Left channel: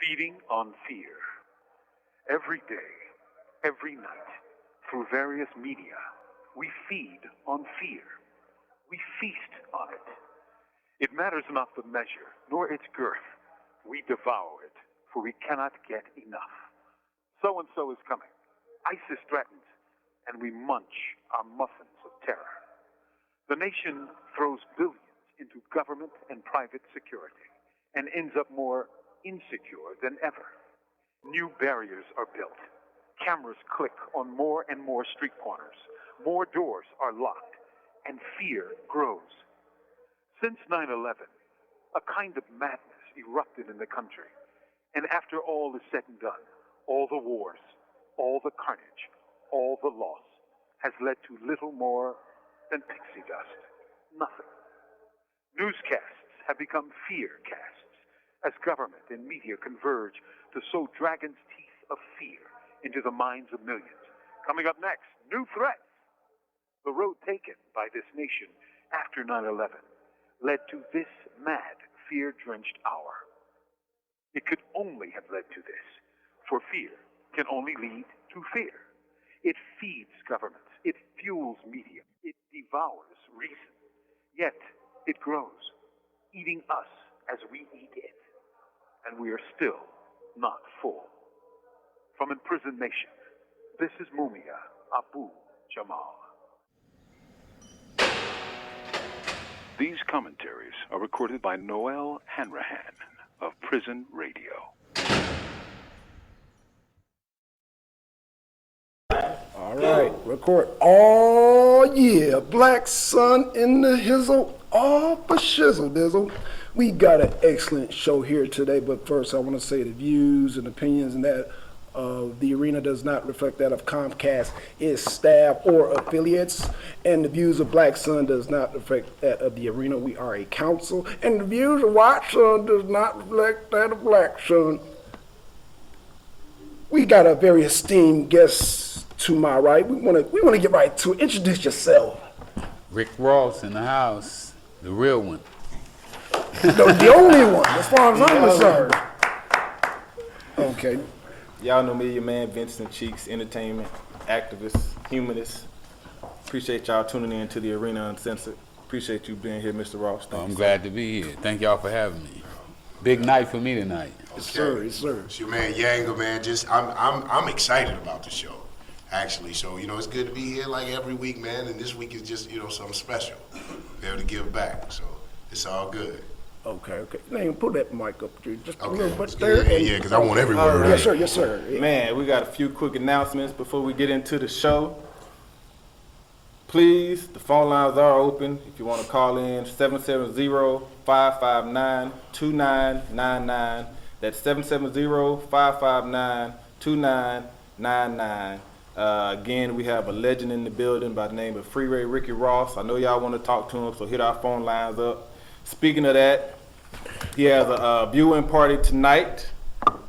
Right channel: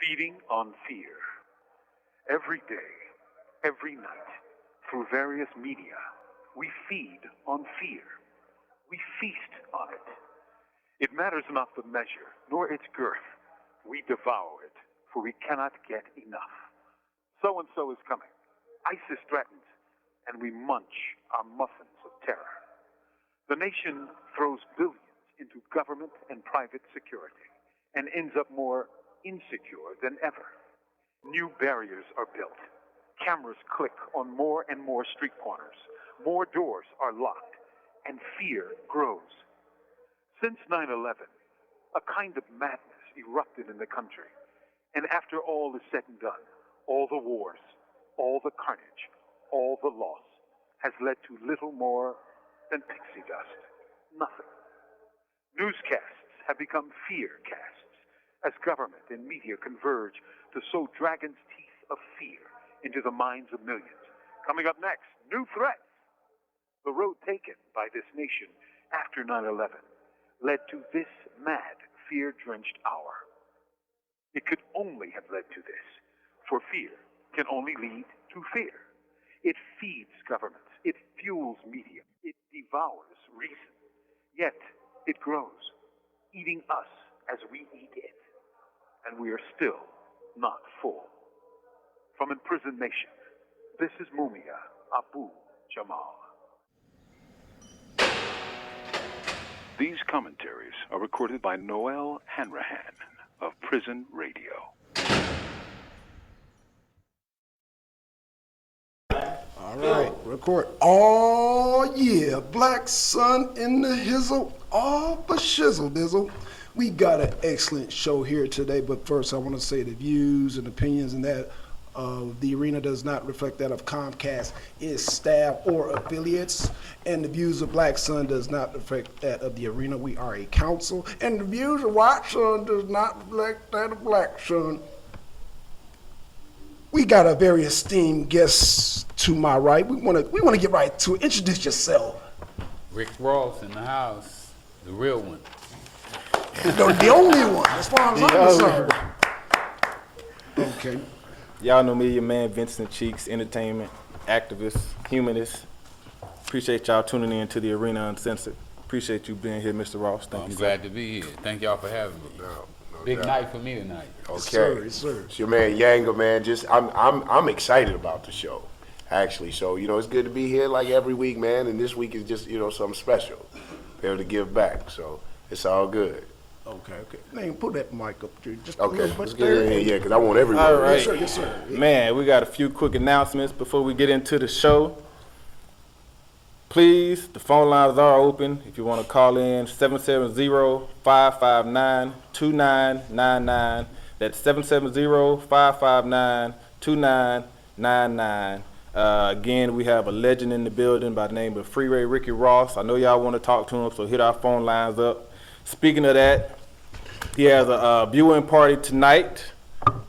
Feeding on fear. Every day, every night, through various media, we feed on fear. We feast on it. It matters not the measure, nor its girth. We devour it, for we cannot get enough. So-and-so is coming. ISIS threatens, and we munch our muffins of terror. The nation throws billions into government and private security, and ends up more insecure than ever. New barriers are built. Cameras click on more and more street corners. More doors are locked, and fear grows. Since 9/11, a kind of madness erupted in the country. And after all is said and done, all the wars, all the carnage, all the loss has led to little more than pixie dust. Nothing. Newscasts have become fear casts as government and media converge to sow dragon's teeth of fear into the minds of millions. Coming up next, new threats. The road taken by this nation after 9/11 led to this mad, fear-drenched hour. It could only have led to this, for fear can only lead to fear. It feeds governments, it fuels media, it devours reason. Yet it grows, eating us as we eat it. And we are still not full. From Imprisoned Nation, this is Mumia Abu-Jamal. These commentaries are recorded by Noel Hanrahan of Prison Radio. All right, record. Oh yeah, Black Sun in the hizzle, all the shizzle dizzle. We got an excellent show here today, but first I want to say the views and opinions and that of The Arena does not reflect that of Comcast, its staff, or affiliates, and the views of Black Sun does not reflect that of The Arena. We are a council, and the views of White Sun does not reflect that of Black Sun. We got a very esteemed guest to my right. We want to get right to it. Introduce yourself. Rick Ross in the house, the real one. The only one, as far as I'm concerned. Okay. Y'all know me, your man Vincent Cheeks, entertainment, activist, humanist. Appreciate y'all tuning in to the Arena Uncensored. Appreciate you being here, Mr. Ross. I'm glad to be here. Thank y'all for having me. Big night for me tonight. Okay, Yes, sir. Yes, sir. it's your man Yanga, man. I'm excited about the show, actually. So it's good to be here like every week, man. And this week is just something special, be able to give back. So it's all good. Okay. Now pull that mic up, dude. Just a Okay, little let's bit get there. in here, because I want everyone All right. ready. Yes, sir. Man, we got a few quick announcements before we get into the show. Please, the phone lines are open. If you want to call in, 770-559-2999. That's 770-559-2999. Again, we have a legend in the building by the name of Freeway Ricky Ross. I know y'all want to talk to him, so hit our phone lines up. Speaking of that, he has a viewing party tonight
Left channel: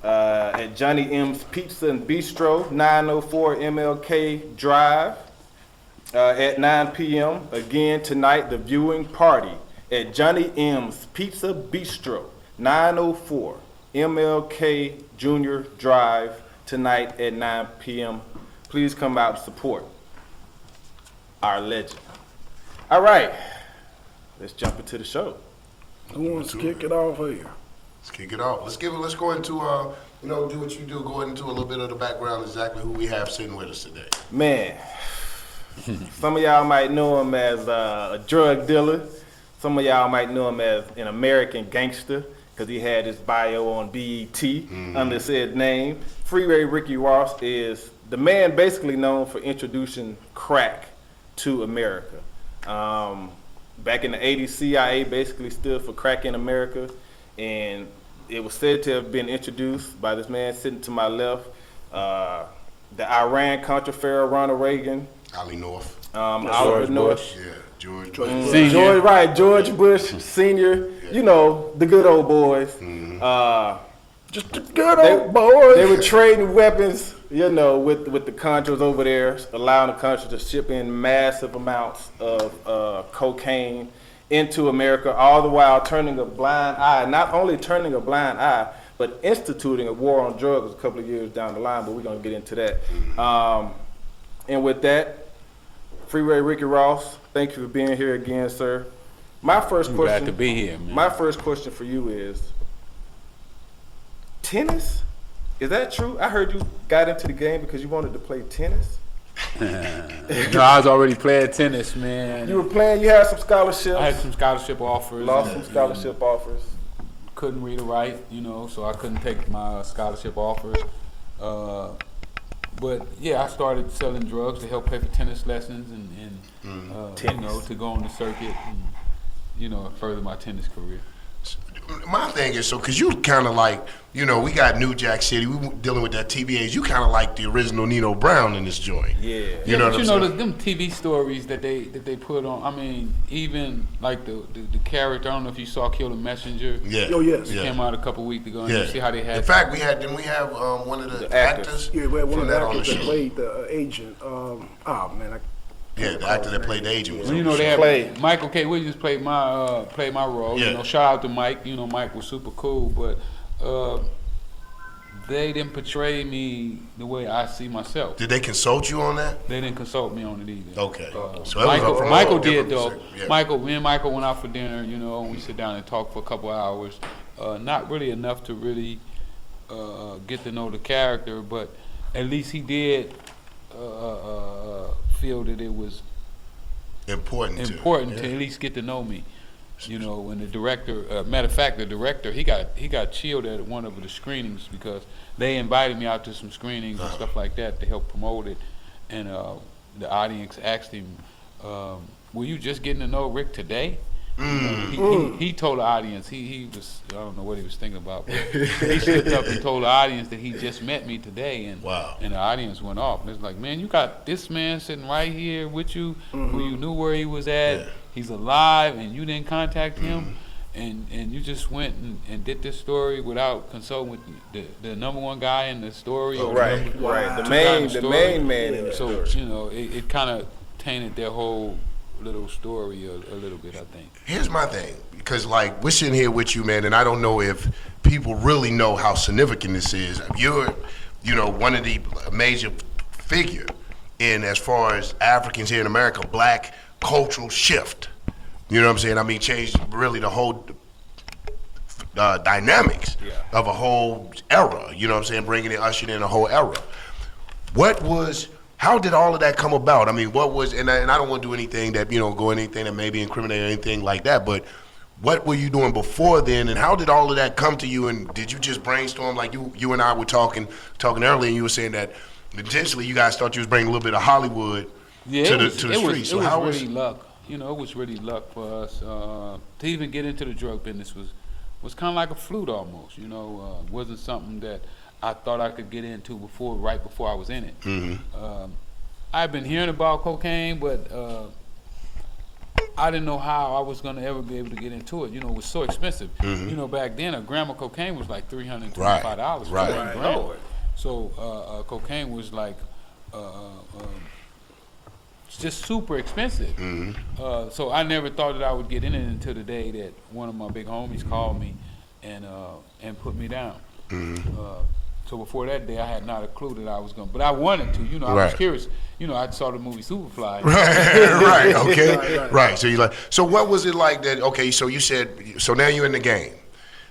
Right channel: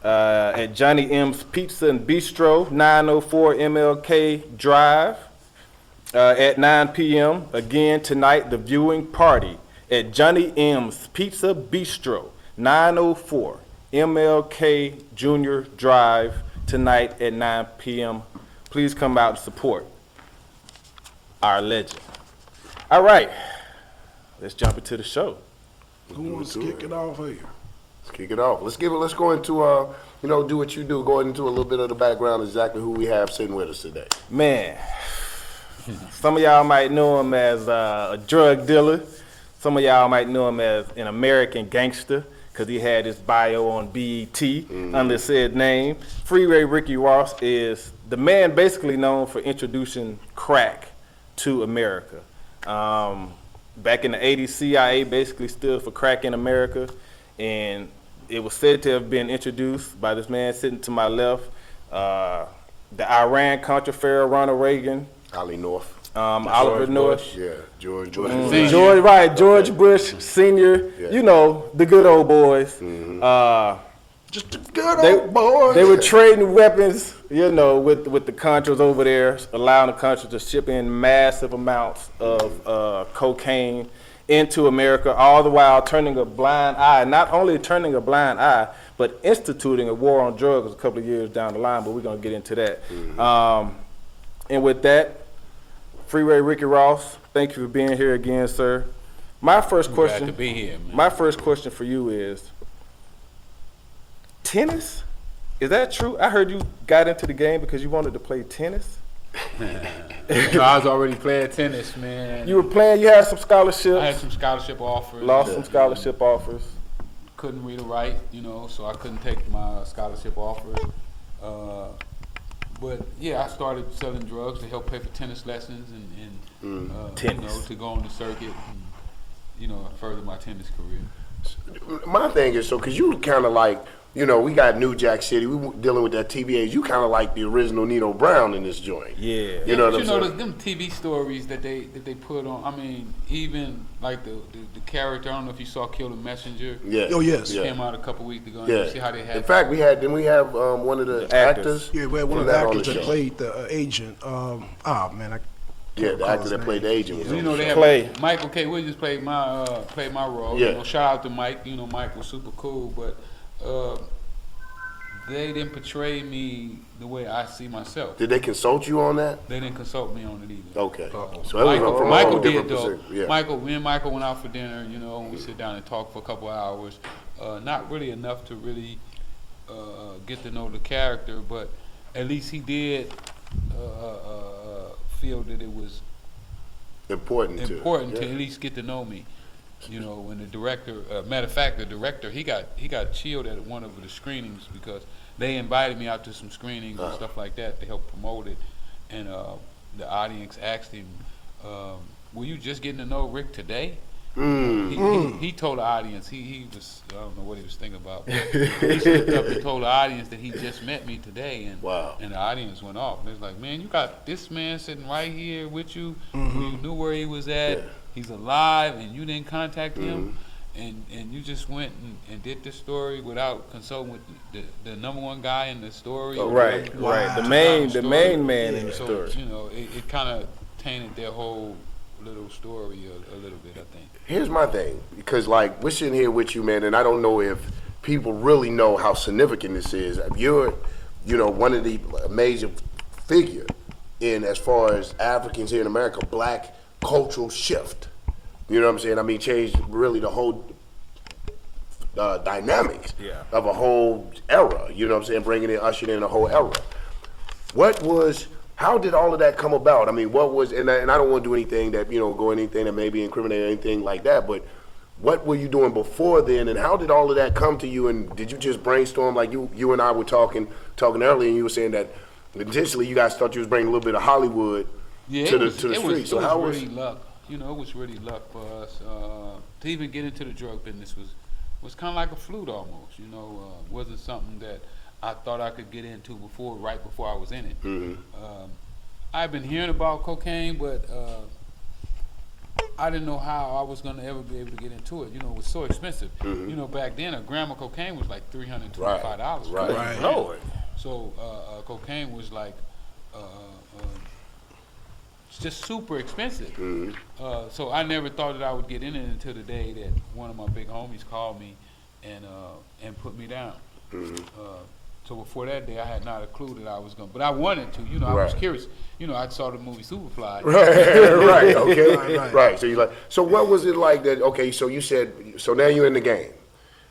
at Johnny M's Pizza and Bistro, 904 MLK Drive, at 9 p.m. Again tonight, the viewing party at Johnny M's Pizza Bistro, 904 MLK Jr. Drive tonight at 9 p.m. Please come out and support our legend. All right, let's jump into the show. Who wants to kick it off here? Let's kick it off. Let's go into do what you do. Go into a little bit of the background, exactly who we have sitting with us today. Man, some of y'all might know him as a drug dealer. Some of y'all might know him as an American gangster, because he had his bio on BET under said name. Freeway Ricky Ross is the man basically known for introducing crack to America. Back in the 80s, CIA basically stood for crack in America, and it was said to have been introduced by this man sitting to my left, the Iran-Contra pharaoh Ronald Reagan, Ali North. Oliver North. Yeah, George Bush. George Bush Sr., Yeah. the good old boys. Just the good old boy. They were trading weapons, with the Contras over there, allowing the Contras to ship in massive amounts of cocaine into America, all the while turning a blind eye. Not only turning a blind eye, but instituting a war on drugs a couple of years down the line, but we're going to get into that. And with that, Freeway Ricky Ross, thank you for being here again, sir. My first question, Glad to be here, man. my first question for you is, tennis? Is that true? I heard you got into the game because you wanted to play tennis. No, I was already playing tennis, man. You were playing, you had some scholarships. I had some scholarship offers. Lost some scholarship offers. Couldn't read or write, so I couldn't take my scholarship offers. But yeah, I started selling drugs to help pay for tennis lessons and to go on the circuit and further my tennis career. My thing is, because you kind of like, we got New Jack City, we dealing with that TBAs, you kind of like the original Nino Brown in this joint. Yeah. You know what I'm saying? Them TV stories that they put on, I mean, even like the character, I don't know if you saw Kill the Messenger. Yeah. Oh, yes. It came out a couple weeks ago. Yeah. You see how they had. In fact, we have one of the actors. Yeah, one from of the that on actors that show. played the agent. Yeah, the actor that played the agent. Was on the They show. had Michael K. Williams played my role. Yeah. Shout out to Mike. Mike was super cool, but they didn't portray me the way I see myself. Did they consult you on that? They didn't consult me on it either. Okay. So it was from a Michael whole did different though. perspective, yeah. Me and Michael went out for dinner, and we sit down and talk for a couple of hours. Not really enough to really get to know the character, but at least he did feel that it was important to at least get to know me. When the director, matter of fact, the director, he got chilled at one of the screenings because they invited me out to some screenings and stuff like that to help promote it, and the audience asked him, "Were you just getting to know Rick today?" He told the audience he was, I don't know what he was thinking about, but he slipped up and told the audience that he just met me today, and Wow. and the audience went off. It's like, man, you got this man sitting right here with you, who you knew where he was at. Yeah. He's alive, and you didn't contact him, and you just went and did this story without consulting with the number one guy in the story. Oh, Right. The main man in the So story. it kind of tainted their whole little story a little bit, I think. Here's my thing, because like we're sitting here with you, man, and I don't know if people really know how significant this is. You're, one of the major figure in as far as Africans here in America, black cultural shift. You know what I'm saying? I mean, changed really the whole dynamics of a whole era. You know what I'm saying? Bringing it, ushering in a whole era. How did all of that come about? I mean, and I don't want to do anything that, anything that may be incriminating or anything like that, but what were you doing before then, and how did all of that come to you, and did you just brainstorm like you and I were talking earlier, and you were saying that intentionally you guys thought you was bringing a little bit of Hollywood to the streets. So how was really luck. It was really luck for us. To even get into the drug business was kind of like a fluke almost, wasn't something that I thought I could get into right before I was in it. I've been hearing about cocaine, but I didn't know how I was going to ever be able to get into it. It was so expensive. Back then, a gram of cocaine was like $325. Right. So cocaine was like just super expensive. So I never thought that I would get in it until the day that one of my big homies called me and put me down. So before that day, I had not a clue that I was going to, but I wanted to, I was curious. I saw the movie Superfly. Right, okay. Right. So what was it like that, okay, so you said, so now you're in the game.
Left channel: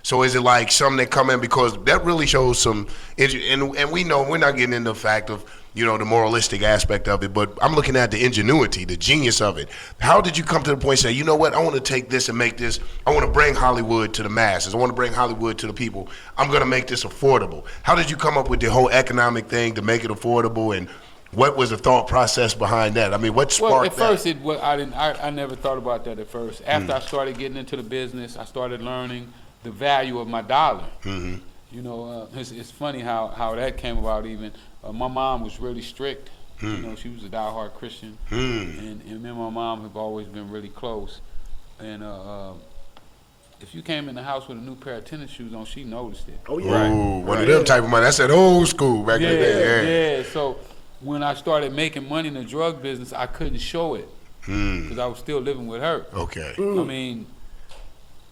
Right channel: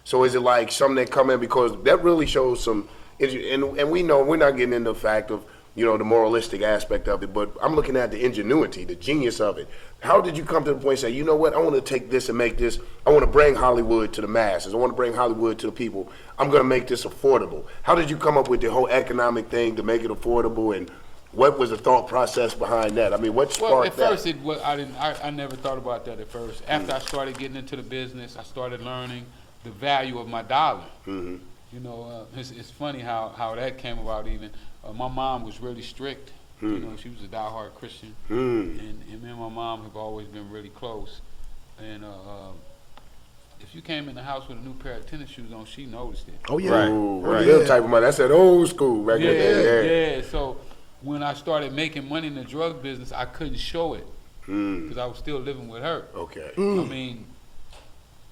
So is it like something that come in, because that really shows some, and we know we're not getting into the fact of, the moralistic aspect of it, but I'm looking at the ingenuity, the genius of it. How did you come to the point and say, you know what, I want to take this and make this, I want to bring Hollywood to the masses, I want to bring Hollywood to the people, I'm going to make this affordable. How did you come up with the whole economic thing to make it affordable, and what was the thought process behind that? I mean, what sparked that? Well, at first, I never thought about that at first. After I started getting into the business, I started learning the value of my dollar. It's funny how that came about even. My mom was really strict. She was a diehard Christian. And me and my mom have always been really close. And if you came in the house with a new pair of tennis shoes on, she noticed it. Oh, yeah. Right. Them type of money. That's that old school back in the day. Yeah. So when I started making money in the drug business, I couldn't show it because I was still living with her. Okay. I mean,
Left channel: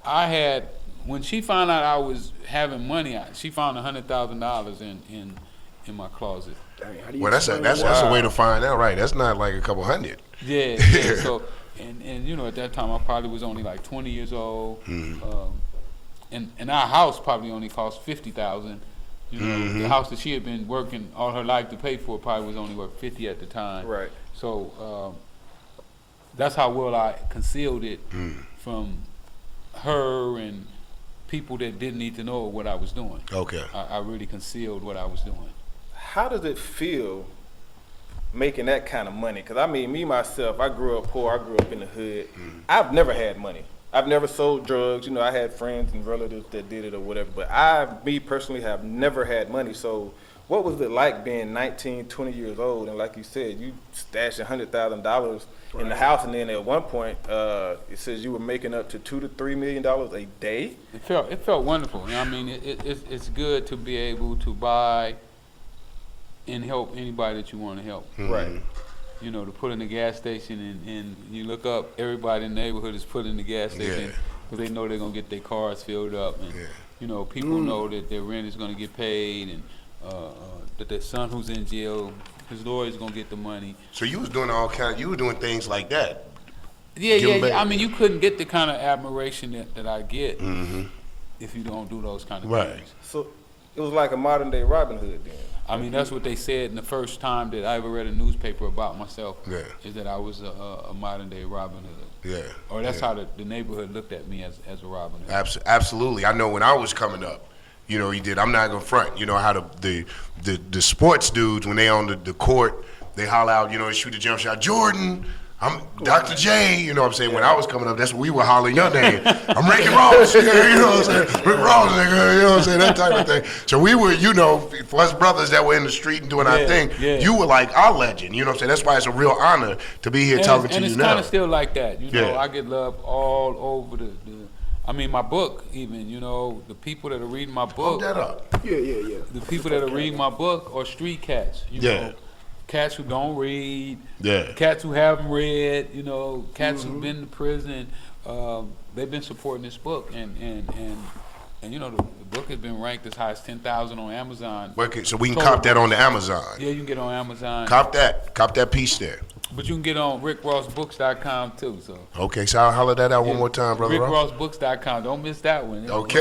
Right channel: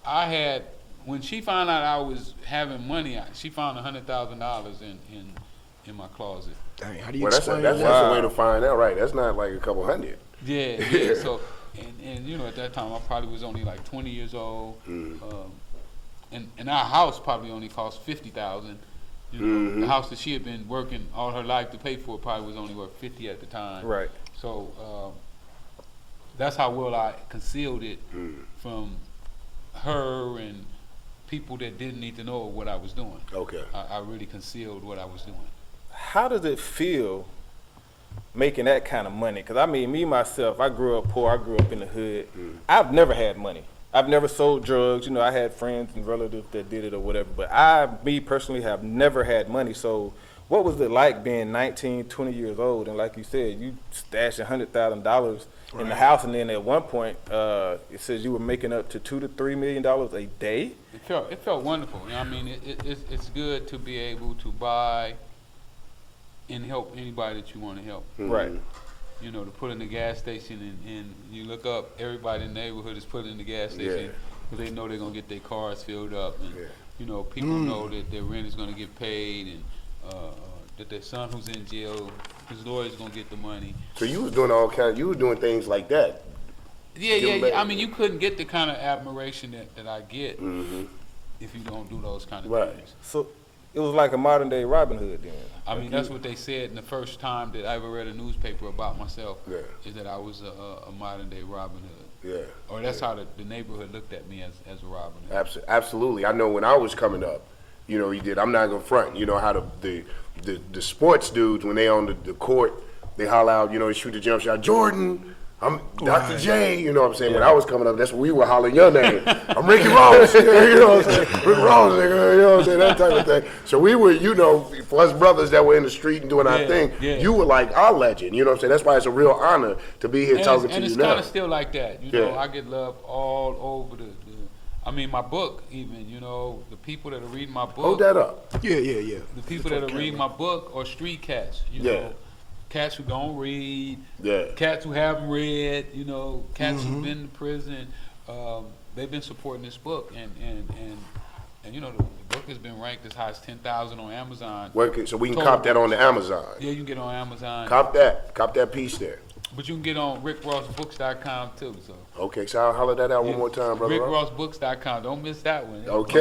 I had when she found out I was having money, she found $100,000 in my closet. Dang, how do you Well, that's explain that's that? a way to find out, right? That's not like a couple hundred. Yeah. So, and you know, at that time I probably was only like 20 years old. And our house probably only cost $50,000. You know, the house that she had been working all her life to pay for probably was only worth $50 at the time. Right. So that's how well I concealed it from her and people that didn't need to know what I was doing. Okay. I really concealed what I was doing. How does it feel making that kind of money? Because I mean, me myself, I grew up poor. I grew up in the hood. I've never had money. I've never sold drugs. You know, I had friends and relatives that did it or whatever. But me personally, have never had money. So what was it like being 19, 20 years old? And like you said, you stashing $100,000 in the house. And then at one point, it says you were making up to $2 to $3 million a day. It felt wonderful. I mean, it's good to be able to buy and help anybody that you want to help. Right. You know, to put in the gas station and you look up, everybody in the neighborhood is putting in the gas station because they know they're going to get their cars filled up. And, you know, people know that their rent is going to get paid and that their son who's in jail, his lawyer's going to get the money. So you was doing you were doing things like that. Yeah. I mean, you couldn't get the kind of admiration that I get if you don't do those kind of things. So it was like a modern day Robin Hood then. I mean, that's what they said in the first time that I ever read a newspaper about myself, is that I was a modern day Robin Hood. Yeah. Or that's how the neighborhood looked at me as a Robin Hood. Absolutely. I know when I was coming up, you know, I'm not gonna front. You know how the sports dudes, when they on the court, they holler out, you know, shoot a jump shot, Jordan, I'm Dr. J, you know what I'm saying? When I was coming up, that's when we were hollering your name. I'm Ricky Ross, you know what I'm saying? Rick Ross, nigga, you know what I'm saying? That type of thing. So we were, you know, for us brothers that were in the street and doing our thing, you were like our legend, you know what I'm saying? That's why it's a real honor to be here talking to you now. And it's kind of still like that. You know, I get love all over I mean, my book even, you know, the people that are reading my book. Hold that up. Yeah. The people that are reading my book are street cats, you know. Cats who don't read, cats who haven't read, you know, cats who've been to prison. They've been supporting this book, and you know, the book has been ranked as high as 10,000 on Amazon. So we can cop that on the Amazon. Yeah, you can get on Amazon. Cop that piece there. But you can get on rickrossbooks.com too. So okay, so I'll holler that out one more time, brother. rickrossbooks.com. Don't miss that one. Okay.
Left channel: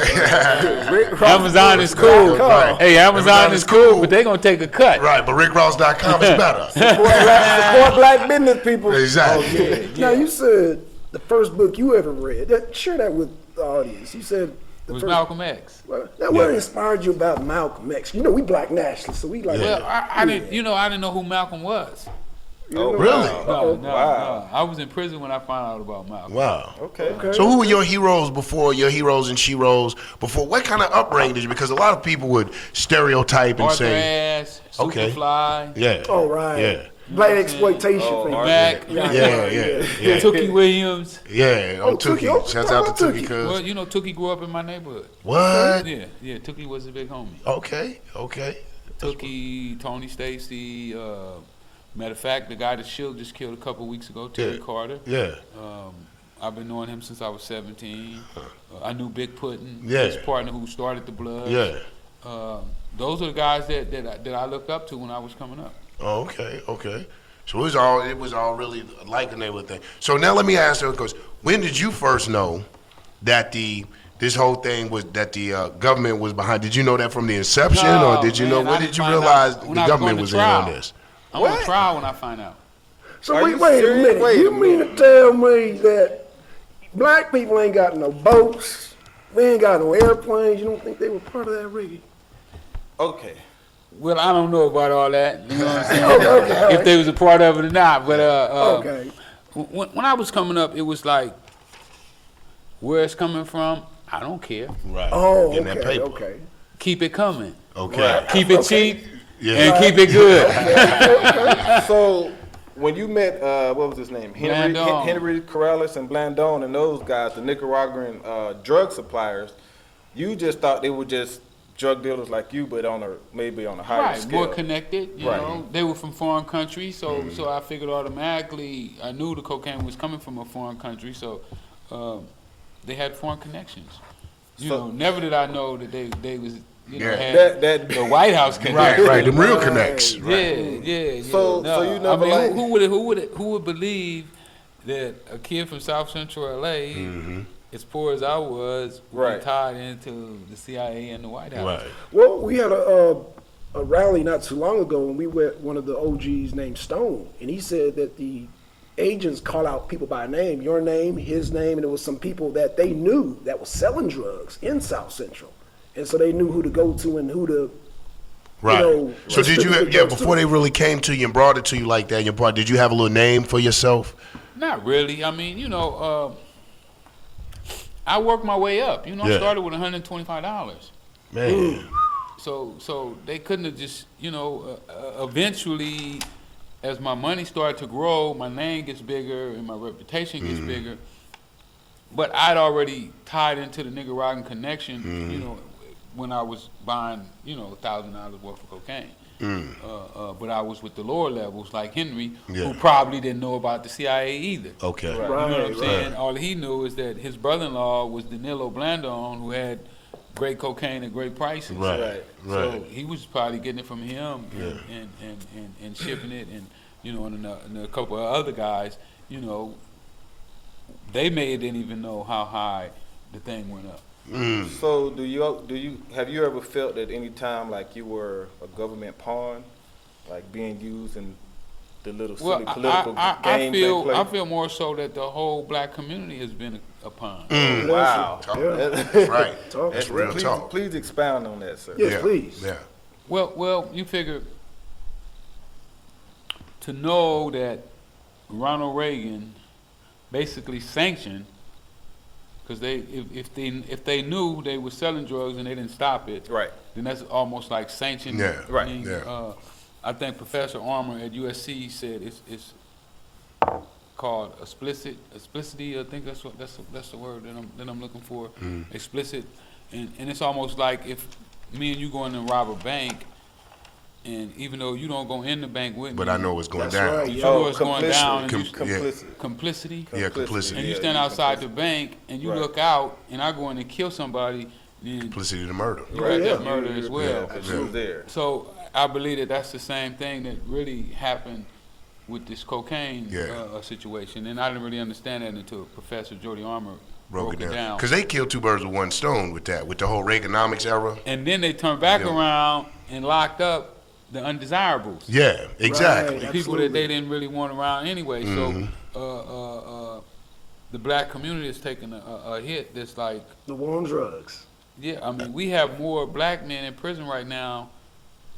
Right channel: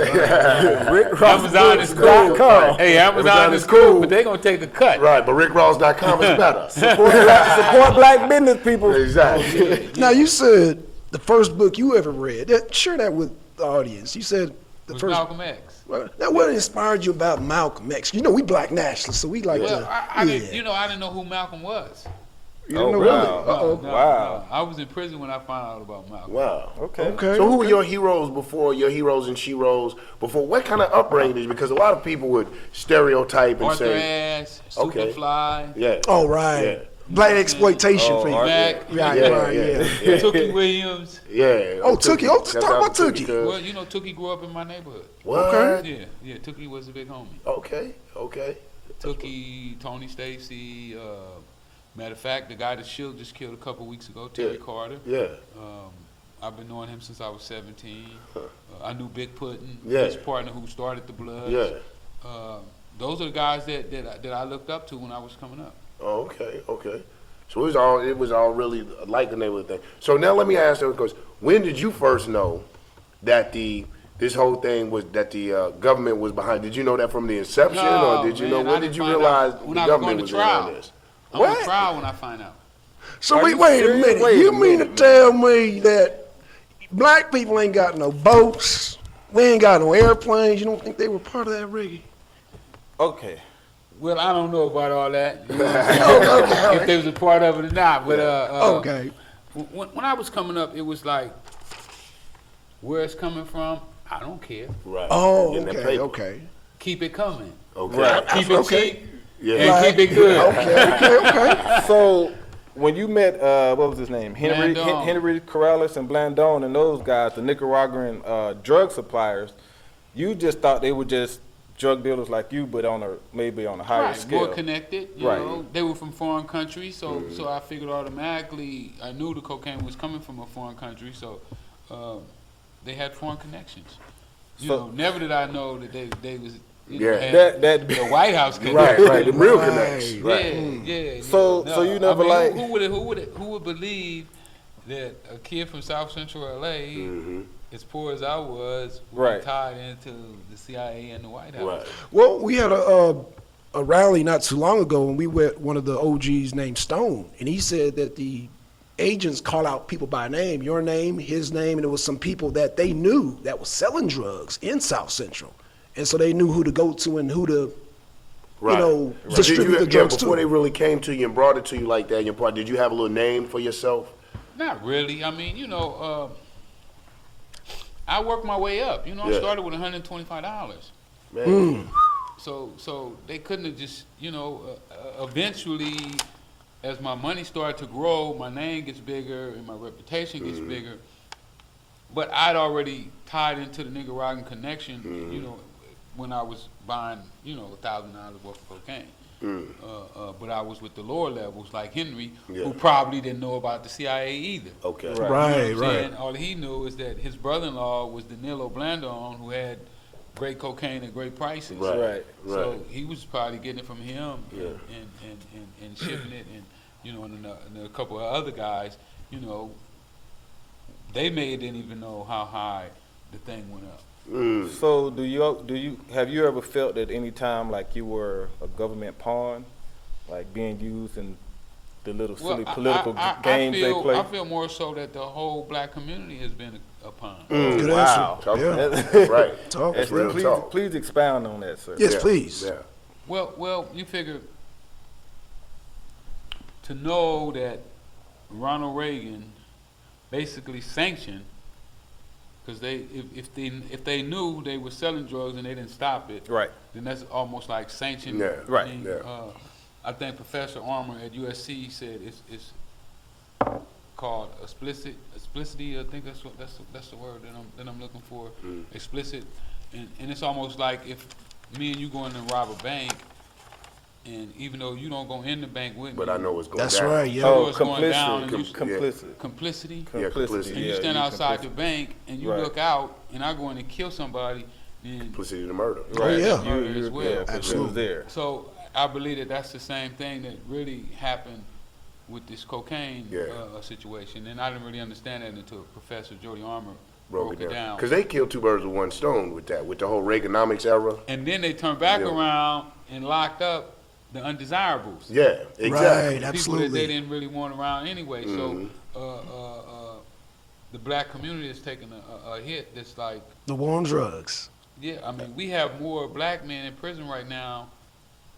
Amazon is cool. Right. Hey, Amazon is cool, but they're gonna take a cut. Right, but rickross.com is better. Support black business people. Exactly. Now you said the first book you ever read. Share that with the audience. You said the With first. Malcolm X. Now, what inspired you about Malcolm X? You know, we black nationalists, so we like. Well, I didn't know who Malcolm was. Oh, really? No. I was in prison when I found out about Malcolm. Wow. Okay. So who were your heroes before, your heroes and sheroes before? What kind of upbringing did you? Because a lot of people would stereotype and say. Superfly. Yeah. Oh, right. Yeah. Black exploitation for you. Mac. Yeah. Tookie Williams. Yeah. Oh, Tookie. Oh, Shout talk out about to Tookie. Tookie. Well, you know, Tookie grew up in my neighborhood. What? Yeah. Tookie was a big homie. Okay. Tookie, Tony Stacy. Matter of fact, the guy that Shield just killed a couple weeks ago, Terry Carter. Yeah. I've been knowing him since I was 17. I knew Big Puddin', Yeah. his partner who started the Bloods. Yeah. Those are the guys that I looked up to when I was coming up. Oh, okay. So it was all really like a neighborhood thing. So now let me ask you, because when did you first know that this whole thing was that the government was behind? Did you know that from the inception, or did you know when did you realize the government was in on this? I went to trial when I find out. So wait a minute. You mean to tell me that black people ain't got no boats? We ain't got no airplanes. You don't think they were part of that rigging? Okay. Well, I don't know about all that. You know what I'm saying? If they was a part of it or not. But Okay. When I was coming up, it was like, where it's coming from, I don't care. Right. Oh, Getting that okay. paper. Okay. Keep it coming. Okay. Keep it cheap Yeah. and keep it good. Okay. So when you met, what was his name? Blandon. Henry Corrales and Blandon and those guys, the Nicaraguan drug suppliers, you just thought they were just drug dealers like you, but maybe on a higher scale. More connected, you know. They were from foreign countries, so I figured automatically I knew the cocaine was coming from a foreign country, so they had foreign connections. You know, never did I know that they was Yeah. had That- the White House connection. Right, the real connects. Yeah, Right. yeah. So you never I mean, like- who would believe that a kid from South Central LA, as poor as I was, Right. tied into the CIA and the White House? Right. Well, we had a rally not too long ago, and we met one of the OGs named Stone, and he said that the agents call out people by name, your name, his name, and it was some people that they knew that was selling drugs in South Central, and so they knew who to go to and who to, Right. you know. So did you distribute the have, drugs before to. they really came to you and brought it to you like that, did you have a little name for yourself? Not really. I mean, you know, I worked my way up. You know, I Yeah. started with $125. Man. So they couldn't have just, you know, eventually, as my money started to grow, my name gets bigger and my reputation gets bigger. But I'd already tied into the Nicaraguan connection, you know, when I was buying, you know, $1,000 worth of cocaine. But I was with the lower levels like Henry, Yeah. who probably didn't know about the CIA either. Okay. You know Right, what I'm saying? All he knew is that his brother-in-law was Danilo Blandon, who had great cocaine at great prices. Right. So he was probably getting it from him and shipping it, and you know, and a couple of other guys, you know, they didn't even know how high the thing went up. So have you ever felt at any time like you were a government pawn, like being used in the little silly political games they play? I feel more so that the whole black community has been a pawn. Wow. Talk about that. That's right. Talk. That's real please, talk. please expound on that, sir. Yes, Yeah. please. Yeah. Well, you figure to know that Ronald Reagan basically sanctioned, because if they knew they were selling drugs and they didn't stop it, Right. then that's almost like sanctioned. Yeah, right, yeah. I think Professor Armour at USC said it's called explicity. I think that's the word that I'm looking for. Explicit, and it's almost like if me and you go in and rob a bank, and even though you don't go in the bank with me, But I know what's going That's down. right, you yeah. know what's going down, and you, Complicit. complicity. Yeah, complicity. And you Yeah, stand you outside the bank and you Right. look out, and I go in and kill somebody, then Complicity to murder. right, yeah. murder as well. Absolutely. There. So I believe that that's the same thing that really happened with this cocaine situation, and I didn't really understand that until Professor Jordy Armour broke it down. Because they killed two birds with one stone with that, with the whole Reaganomics era. And then they turned back around and locked up the undesirables. Yeah, exactly. Right. The people that Absolutely. they didn't really want around anyway. So the black community is taking a hit that's like, The war on drugs. yeah, I mean, we have more black men in prison right now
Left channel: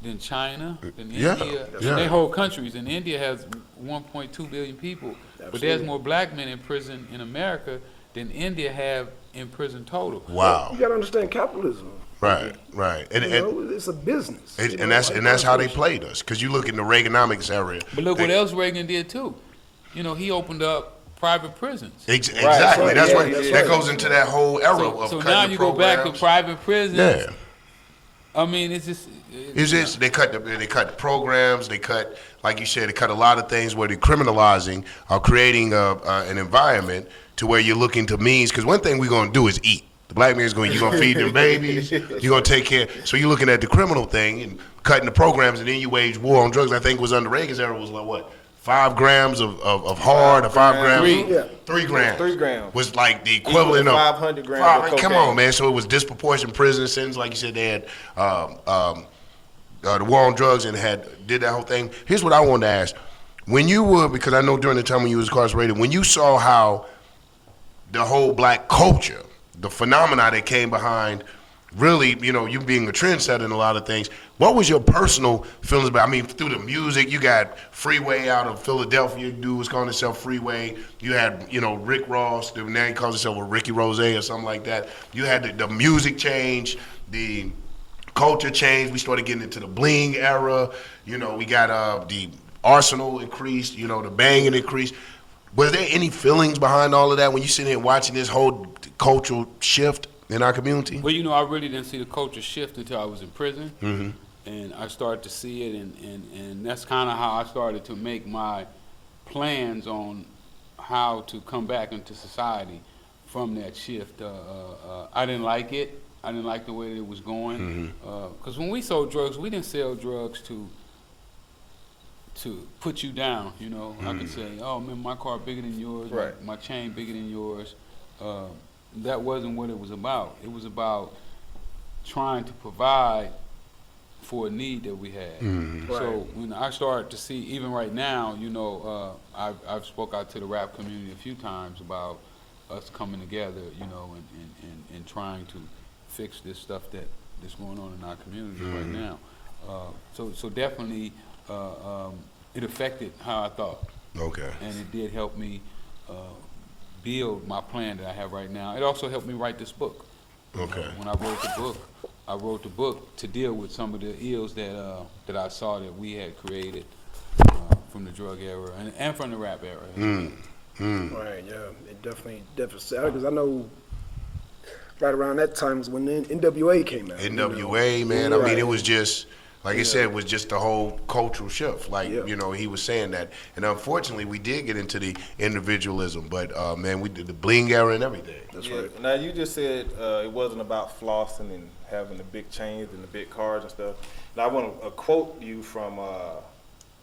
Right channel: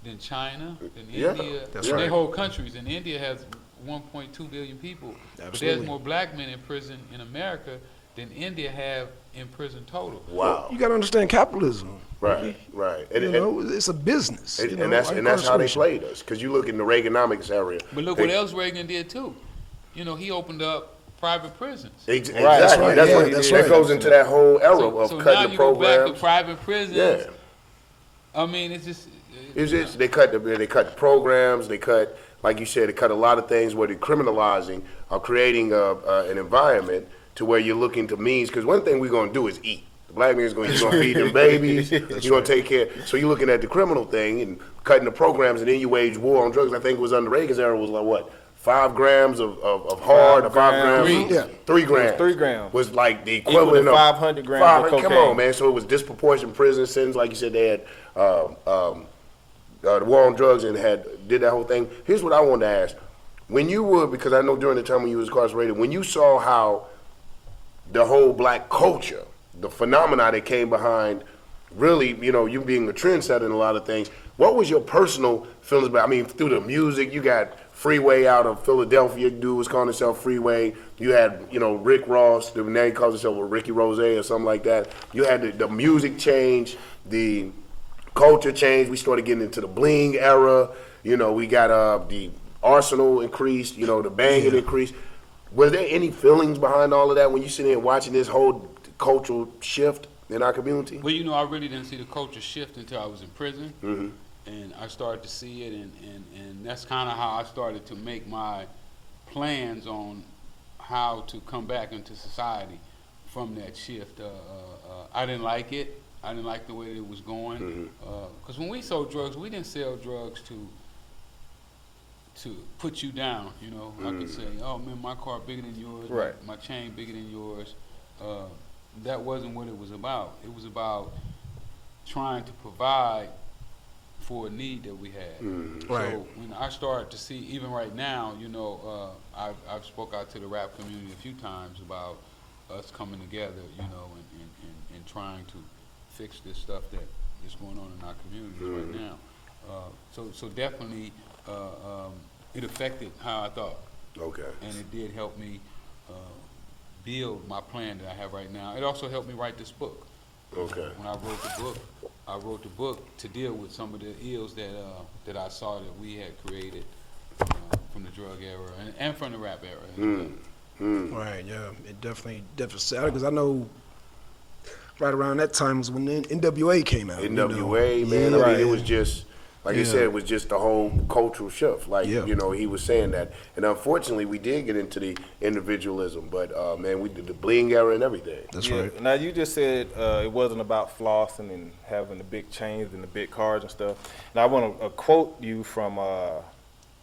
than China, than Yeah, India, that's than right. their whole countries. And India has 1.2 billion people. But there's more black men in prison in America than India have in prison total. Wow. You got to understand capitalism. Right, right. And, You know, it's a business. you know, and that's like and that's how they incarceration. played us. Because you look in the Reaganomics era. But look they- what else Reagan did too. You know, he opened up private prisons. Exactly. right. That's Yeah, what that's that right. goes into that whole era of So now cutting the you go back to programs. private prisons. Yeah. I mean, it's just. They cut the programs. They cut, like you said, they cut a lot of things where they're criminalizing or creating an environment to where you're looking to means. Because one thing we're gonna do is eat. The black man's going. You're gonna feed them babies. You're gonna take care. So you're looking at the criminal thing and cutting the programs, and then you wage war on drugs. I think it was under Reagan's era was like what, 5 grams of hard or 5 grams. Yeah. 3 grams. 3 grams. Was like the equivalent of 500 grams of Come cocaine. on, man. So it was disproportionate prison sentence, like you said. They had the war on drugs and did that whole thing. Here's what I wanted to ask: when you were, because I know during the time when you was incarcerated, when you saw how the whole black culture, the phenomena that came behind, really, you know, you being a trendsetter in a lot of things, what was your personal feelings about? I mean, through the music, you got Freeway out of Philadelphia, dude was calling himself Freeway. You had, you know, Rick Ross, now he calls himself Ricky Rose or something like that. You had the music change, the culture change. We started getting into the bling era. You know, we got the arsenal increased, you know, the banging increased. Was there any feelings behind all of that when you sit here watching this whole cultural shift in our community? Well, you know, I really didn't see the culture shift until I was in prison, and I started to see it, and that's kind of how I started to make my plans on how to come back into society from that shift. I didn't like it. I didn't like the way it was going. Because when we sold drugs, we didn't sell drugs to put you down. You know, I could say, oh man, my car bigger than yours, Right. my chain bigger than yours. That wasn't what it was about. It was about trying to provide for a need that we had. So when I started to see, even right now, you know, I've spoke out to the rap community a few times about us coming together, you know, and trying to fix this stuff that's going on in our community right now. So definitely, it affected how I thought, Okay. and it did help me build my plan that I have right now. It also helped me write this book. Okay. When I wrote the book to deal with some of the ills that I saw that we had created from the drug era and from the rap era. Right, yeah, it definitely sad because I know right around that time was when the NWA came out. NWA, man. I mean, it was just, like I said, it was just the whole cultural shift. Like, Yeah. you know, he was saying that. And unfortunately, we did get into the individualism, but, man, we did the bling era and everything. That's Yeah. right. Now you just said it wasn't about flossing and having the big chains and the big cars and stuff. Now I want to quote you from.